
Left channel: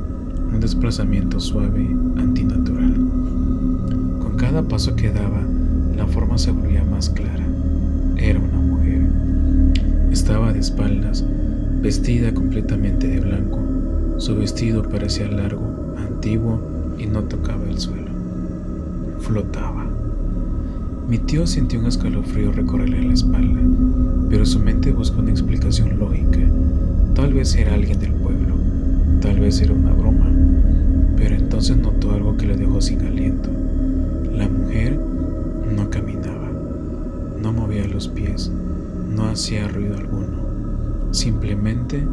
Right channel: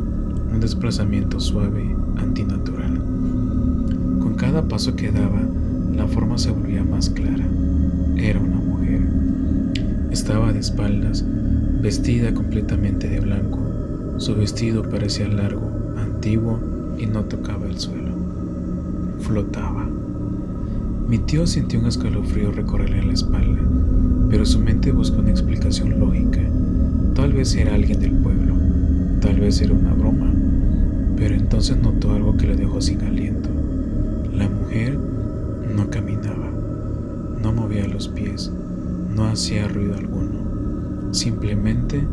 un desplazamiento suave, antinatural. Con cada paso que daba, la forma se volvía más clara. Era una mujer. Estaba de espaldas, vestida completamente de blanco. Su vestido parecía largo, antiguo y no tocaba el suelo. Flotaba. Mi tío sintió un escalofrío recorrerle la espalda, pero su mente buscó una explicación lógica. Tal vez era alguien del pueblo, tal vez era una broma, pero entonces notó algo que le dejó sin aliento. La mujer no caminaba, no movía los pies, no hacía ruido alguno, simplemente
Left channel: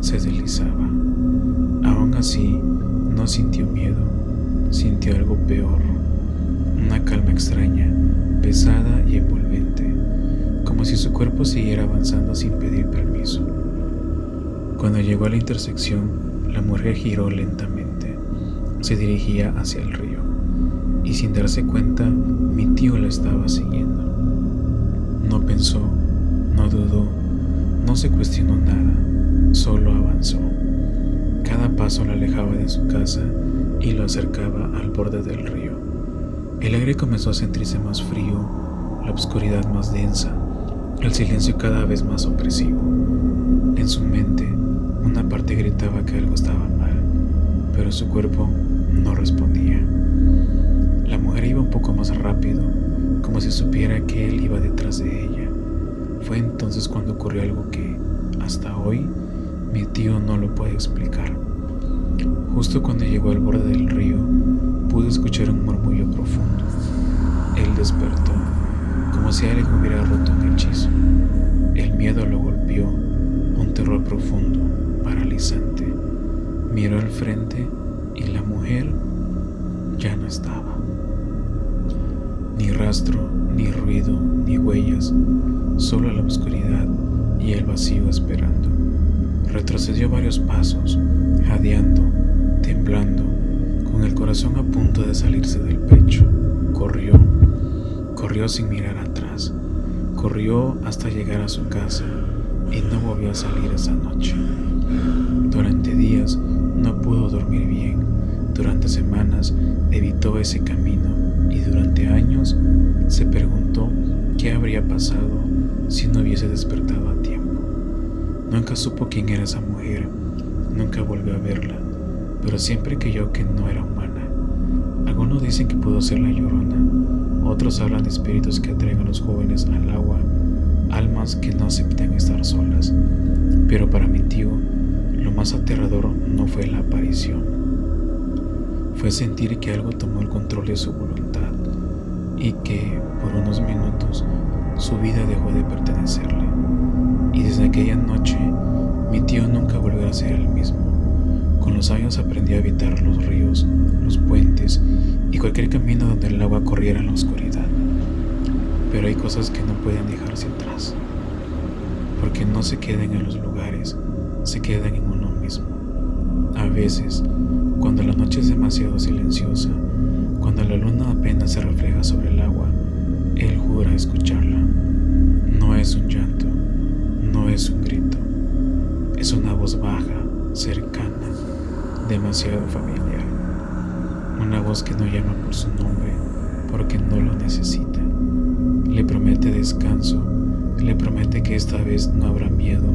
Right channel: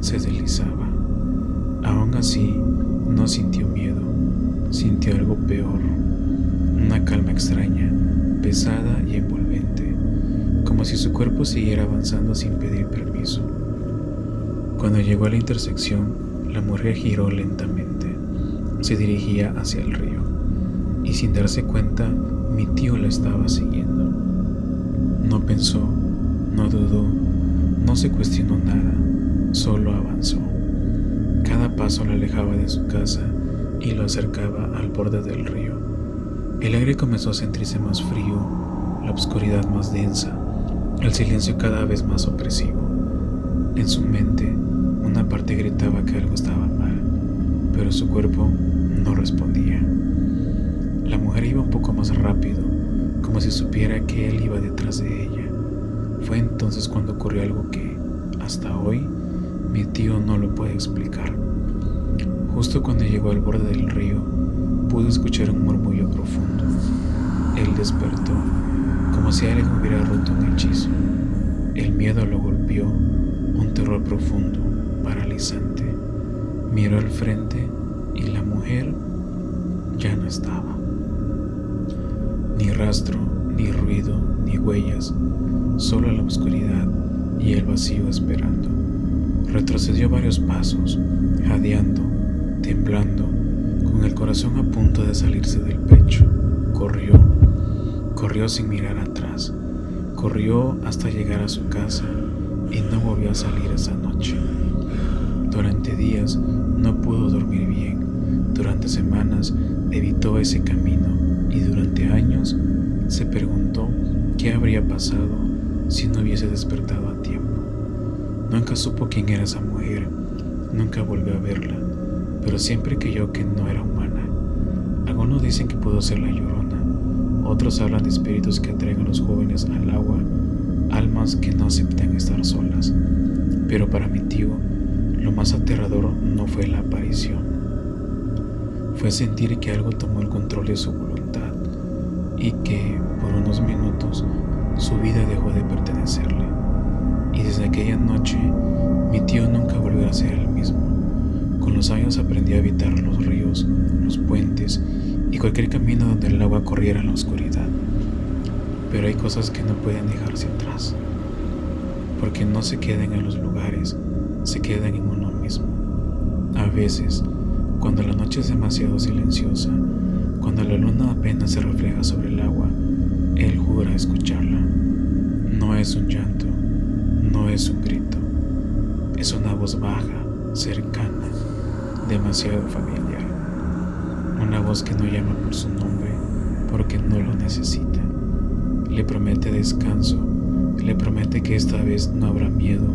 se deslizaba. Aún así, no sintió miedo, sintió algo peor, una calma extraña, pesada y envolvente, como si su cuerpo siguiera avanzando sin pedir permiso. Cuando llegó a la intersección, la mujer giró lentamente. Se dirigía hacia el río, y sin darse cuenta, mi tío la estaba siguiendo. No pensó, no dudó, no se cuestionó nada, solo avanzó. Cada paso la alejaba de su casa y lo acercaba al borde del río. El aire comenzó a sentirse más frío, la oscuridad más densa, el silencio cada vez más opresivo. En su mente, una parte gritaba que algo estaba mal, pero su cuerpo no respondía. La mujer iba un poco más rápido, como si supiera que él iba detrás de ella. Fue entonces cuando ocurrió algo que, hasta hoy, mi tío no lo puede explicar. Justo cuando llegó al borde del río, pudo escuchar un murmullo profundo. Él despertó, como si alguien hubiera roto un hechizo. El miedo lo golpeó, un terror profundo, paralizante. Miró al frente y la mujer ya no estaba. Ni rastro, ni ruido, ni huellas, solo la oscuridad y el vacío esperando. Retrocedió varios pasos, jadeando, temblando, con el corazón a punto de salirse del pecho. Corrió sin mirar atrás. Corrió hasta llegar a su casa y no volvió a salir esa noche. Durante días no pudo dormir bien. Durante semanas evitó ese camino y durante años se preguntó qué habría pasado si no hubiese despertado a tiempo. Nunca supo quién era esa mujer, nunca volvió a verla, pero siempre creyó que no era humana. Algunos dicen que pudo ser la Llorona, otros hablan de espíritus que atraen a los jóvenes al agua, almas que no aceptan estar solas. Pero para mi tío, lo más aterrador no fue la aparición. Fue sentir que algo tomó el control de su voluntad y que, por unos minutos, su vida dejó de pertenecerle. Y desde aquella noche, mi tío nunca volvió a ser el mismo. Con los años aprendió a evitar los ríos, los puentes y cualquier camino donde el agua corriera en la oscuridad. Pero hay cosas que no pueden dejarse atrás, porque no se quedan en los lugares, se quedan en uno mismo. A veces, cuando la noche es demasiado silenciosa, cuando la luna apenas se refleja sobre el agua, él jura escucharla. No es un llanto, no es un grito, es una voz baja, cercana, demasiado familiar. Una voz que no llama por su nombre porque no lo necesita. Le promete descanso, le promete que esta vez no habrá miedo,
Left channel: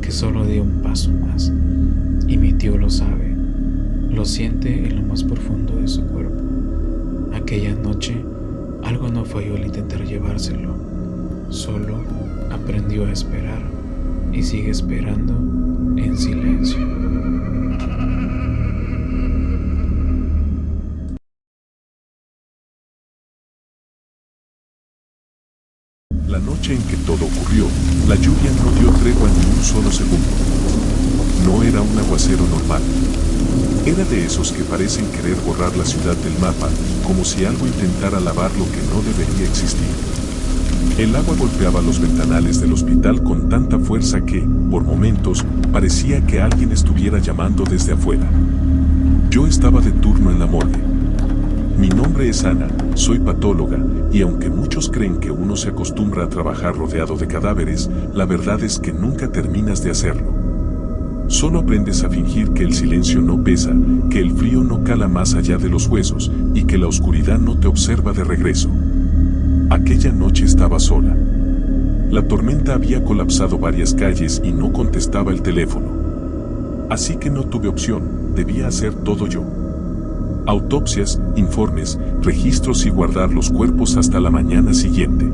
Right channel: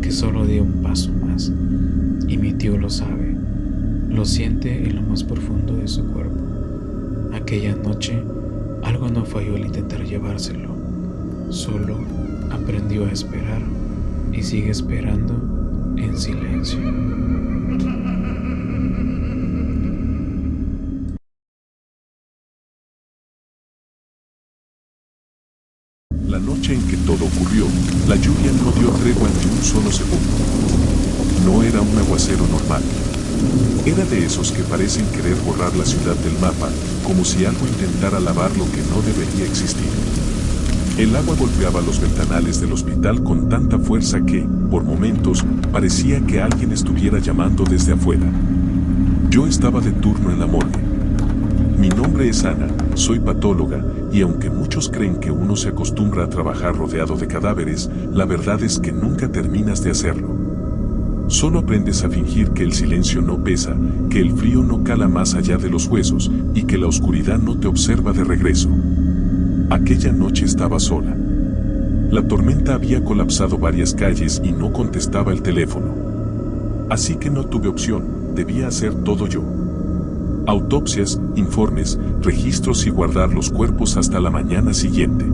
que solo dé un paso más. Y mi tío lo sabe, lo siente en lo más profundo de su cuerpo. Aquella noche, algo no falló al intentar llevárselo. Solo aprendió a esperar y sigue esperando en silencio. La noche en que todo ocurrió, la lluvia no dio tregua ni un solo segundo. No era un aguacero normal. Era de esos que parecen querer borrar la ciudad del mapa, como si algo intentara lavar lo que no debería existir. El agua golpeaba los ventanales del hospital con tanta fuerza que, por momentos, parecía que alguien estuviera llamando desde afuera. Yo estaba de turno en la morgue. Mi nombre es Ana, soy patóloga, y aunque muchos creen que uno se acostumbra a trabajar rodeado de cadáveres, la verdad es que nunca terminas de hacerlo. Solo aprendes a fingir que el silencio no pesa, que el frío no cala más allá de los huesos, y que la oscuridad no te observa de regreso. Aquella noche estaba sola. La tormenta había colapsado varias calles y no contestaba el teléfono. Así que no tuve opción, debía hacer todo yo. Autopsias, informes, registros y guardar los cuerpos hasta la mañana siguiente.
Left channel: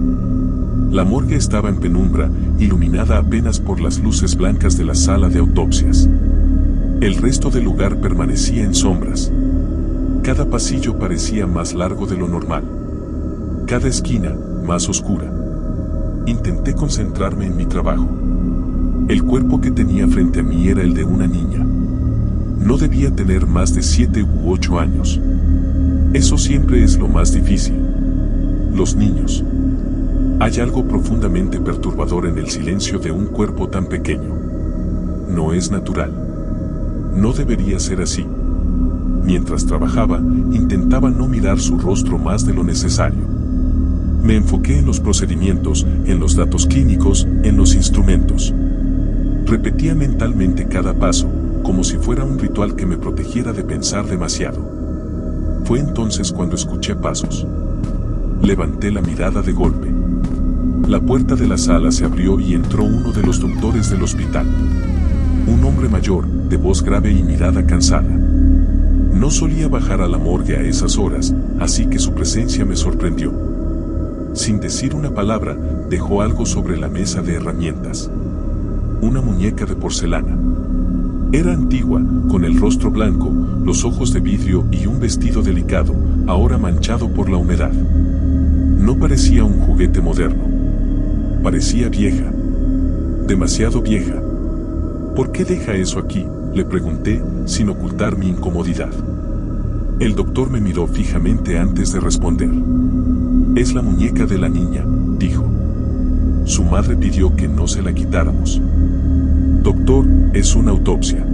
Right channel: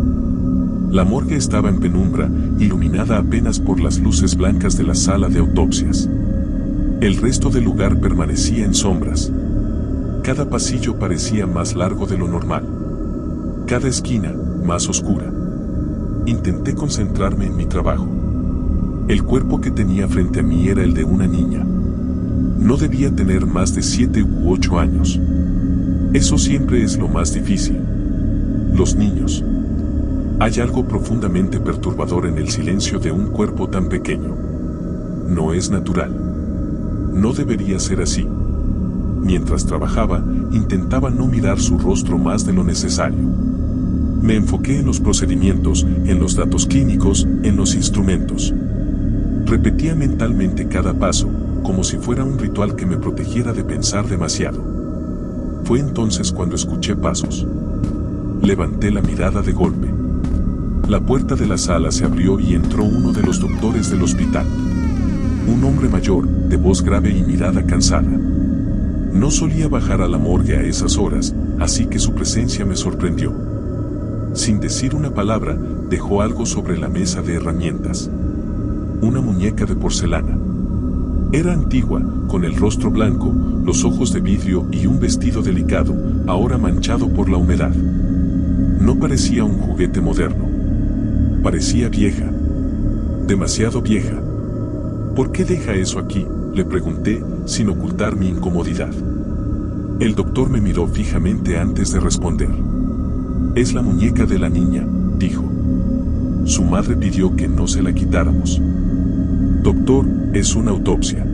La morgue estaba en penumbra, iluminada apenas por las luces blancas de la sala de autopsias. El resto del lugar permanecía en sombras. Cada pasillo parecía más largo de lo normal. Cada esquina, más oscura. Intenté concentrarme en mi trabajo. El cuerpo que tenía frente a mí era el de una niña. No debía tener más de 7 u 8 años. Eso siempre es lo más difícil. Los niños. Hay algo profundamente perturbador en el silencio de un cuerpo tan pequeño. No es natural. No debería ser así. Mientras trabajaba, intentaba no mirar su rostro más de lo necesario. Me enfoqué en los procedimientos, en los datos clínicos, en los instrumentos. Repetía mentalmente cada paso, como si fuera un ritual que me protegiera de pensar demasiado. Fue entonces cuando escuché pasos. Levanté la mirada de golpe. La puerta de la sala se abrió y entró uno de los doctores del hospital. Un hombre mayor, de voz grave y mirada cansada. No solía bajar a la morgue a esas horas, así que su presencia me sorprendió. Sin decir una palabra, dejó algo sobre la mesa de herramientas. Una muñeca de porcelana. Era antigua, con el rostro blanco, los ojos de vidrio y un vestido delicado, ahora manchado por la humedad. No parecía un juguete moderno. Parecía vieja. Demasiado vieja. ¿Por qué deja eso aquí?, le pregunté, sin ocultar mi incomodidad. El doctor me miró fijamente antes de responder. Es la muñeca de la niña, dijo. Su madre pidió que no se la quitáramos. Doctor, es una autopsia.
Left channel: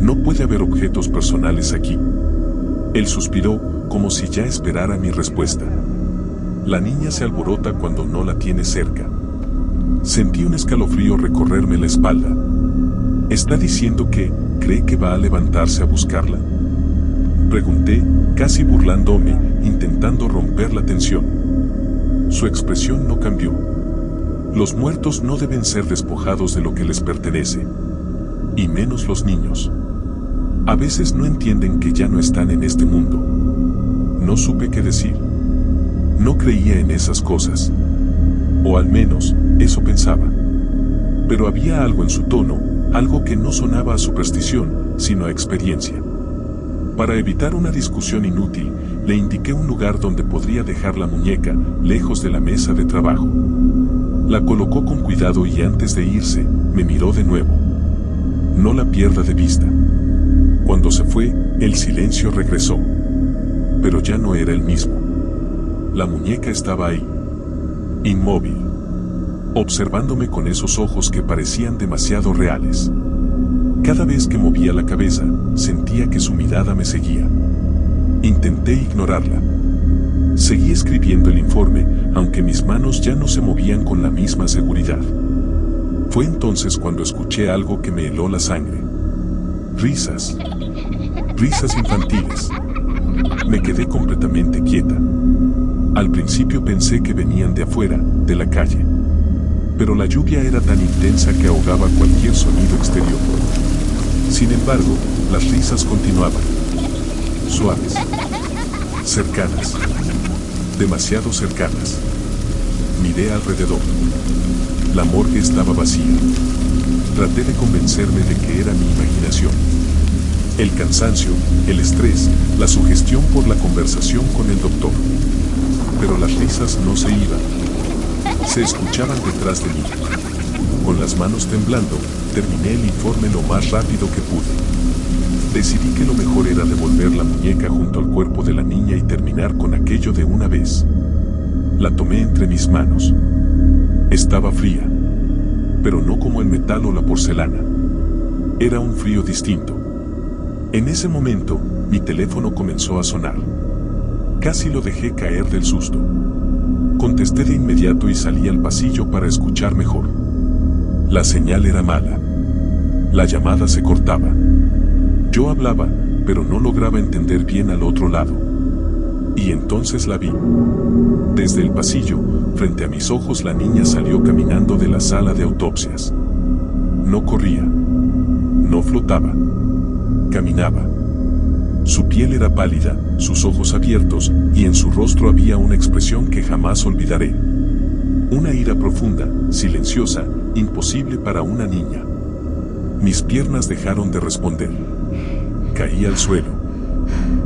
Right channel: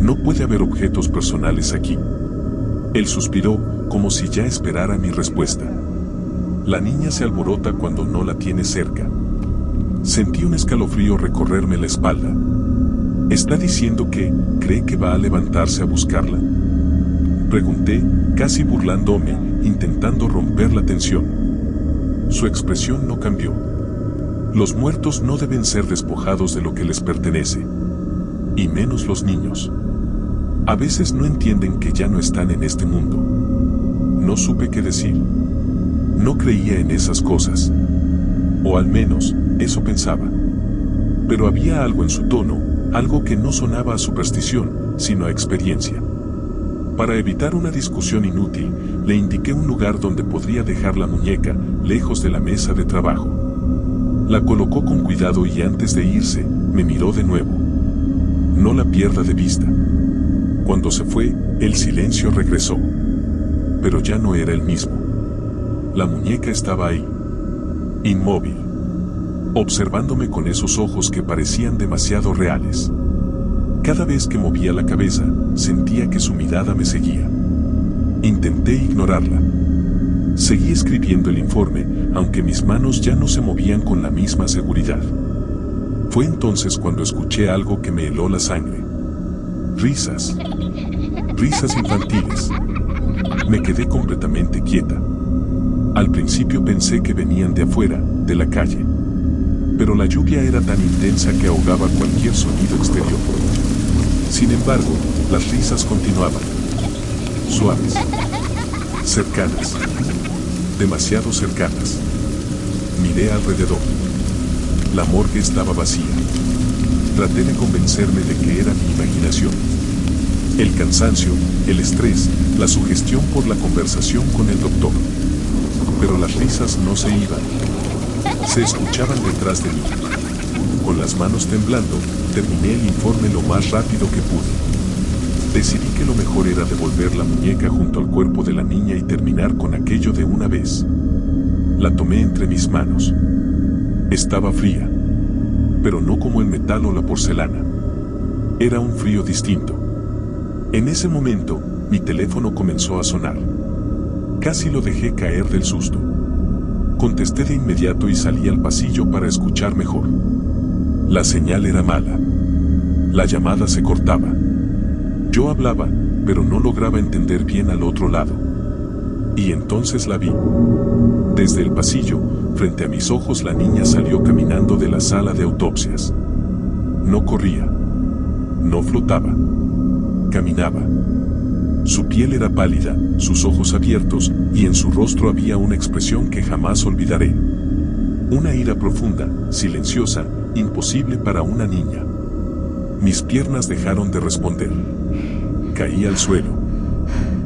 No puede haber objetos personales aquí. Él suspiró, como si ya esperara mi respuesta. La niña se alborota cuando no la tiene cerca. Sentí un escalofrío recorrerme la espalda. ¿Está diciendo que cree que va a levantarse a buscarla?, pregunté, casi burlándome, intentando romper la tensión. Su expresión no cambió. Los muertos no deben ser despojados de lo que les pertenece. Y menos los niños. A veces no entienden que ya no están en este mundo. No supe qué decir. No creía en esas cosas. O al menos, eso pensaba. Pero había algo en su tono, algo que no sonaba a superstición, sino a experiencia. Para evitar una discusión inútil, le indiqué un lugar donde podría dejar la muñeca, lejos de la mesa de trabajo. La colocó con cuidado y antes de irse, me miró de nuevo. No la pierda de vista. Cuando se fue, el silencio regresó. Pero ya no era el mismo. La muñeca estaba ahí. Inmóvil. Observándome con esos ojos que parecían demasiado reales. Cada vez que movía la cabeza, sentía que su mirada me seguía. Intenté ignorarla. Seguí escribiendo el informe, aunque mis manos ya no se movían con la misma seguridad. Fue entonces cuando escuché algo que me heló la sangre. Risas. Risas infantiles. Me quedé completamente quieta. Al principio pensé que venían de afuera, de la calle. Pero la lluvia era tan intensa que ahogaba cualquier sonido exterior. Sin embargo, las risas continuaban. Suaves. Cercanas. Demasiado cercanas. Miré alrededor. La morgue estaba vacía. Traté de convencerme de que era mi imaginación. El cansancio, el estrés, la sugestión por la conversación con el doctor. Pero las risas no se iban. Se escuchaban detrás de mí. Con las manos temblando, terminé el informe lo más rápido que pude. Decidí que lo mejor era devolver la muñeca junto al cuerpo de la niña y terminar con aquello de una vez. La tomé entre mis manos. Estaba fría, pero no como el metal o la porcelana. Era un frío distinto. En ese momento, mi teléfono comenzó a sonar. Casi lo dejé caer del susto. Contesté de inmediato y salí al pasillo para escuchar mejor. La señal era mala. La llamada se cortaba. Yo hablaba, pero no lograba entender bien al otro lado. Y entonces la vi. Desde el pasillo, frente a mis ojos, la niña salió caminando de la sala de autopsias. No corría. No flotaba. Caminaba. Su piel era pálida, sus ojos abiertos, y en su rostro había una expresión que jamás olvidaré. Una ira profunda, silenciosa, imposible para una niña. Mis piernas dejaron de responder. Caí al suelo.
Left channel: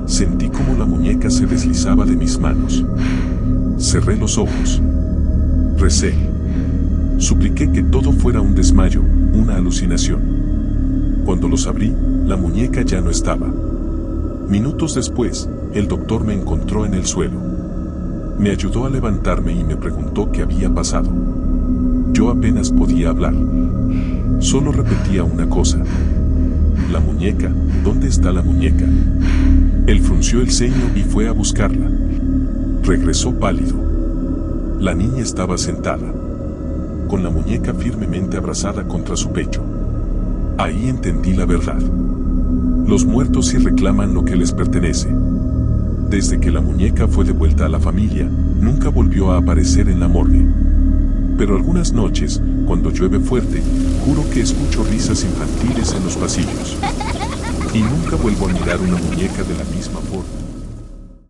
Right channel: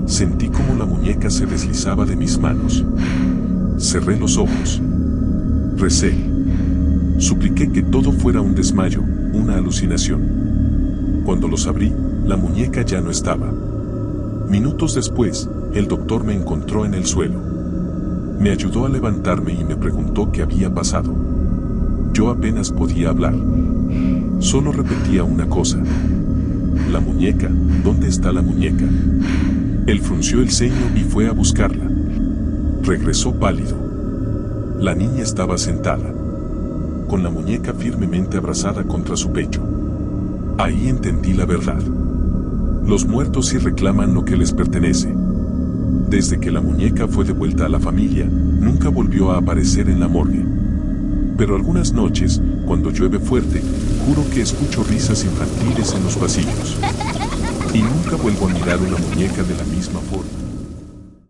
Sentí como la muñeca se deslizaba de mis manos. Cerré los ojos. Recé. Supliqué que todo fuera un desmayo, una alucinación. Cuando los abrí, la muñeca ya no estaba. Minutos después, el doctor me encontró en el suelo. Me ayudó a levantarme y me preguntó qué había pasado. Yo apenas podía hablar. Solo repetía una cosa. La muñeca, ¿dónde está la muñeca? Él frunció el ceño y fue a buscarla. Regresó pálido. La niña estaba sentada, con la muñeca firmemente abrazada contra su pecho. Ahí entendí la verdad. Los muertos sí reclaman lo que les pertenece. Desde que la muñeca fue devuelta a la familia, nunca volvió a aparecer en la morgue. Pero algunas noches, cuando llueve fuerte, juro que escucho risas infantiles en los pasillos. Y nunca vuelvo a mirar una muñeca de la misma forma.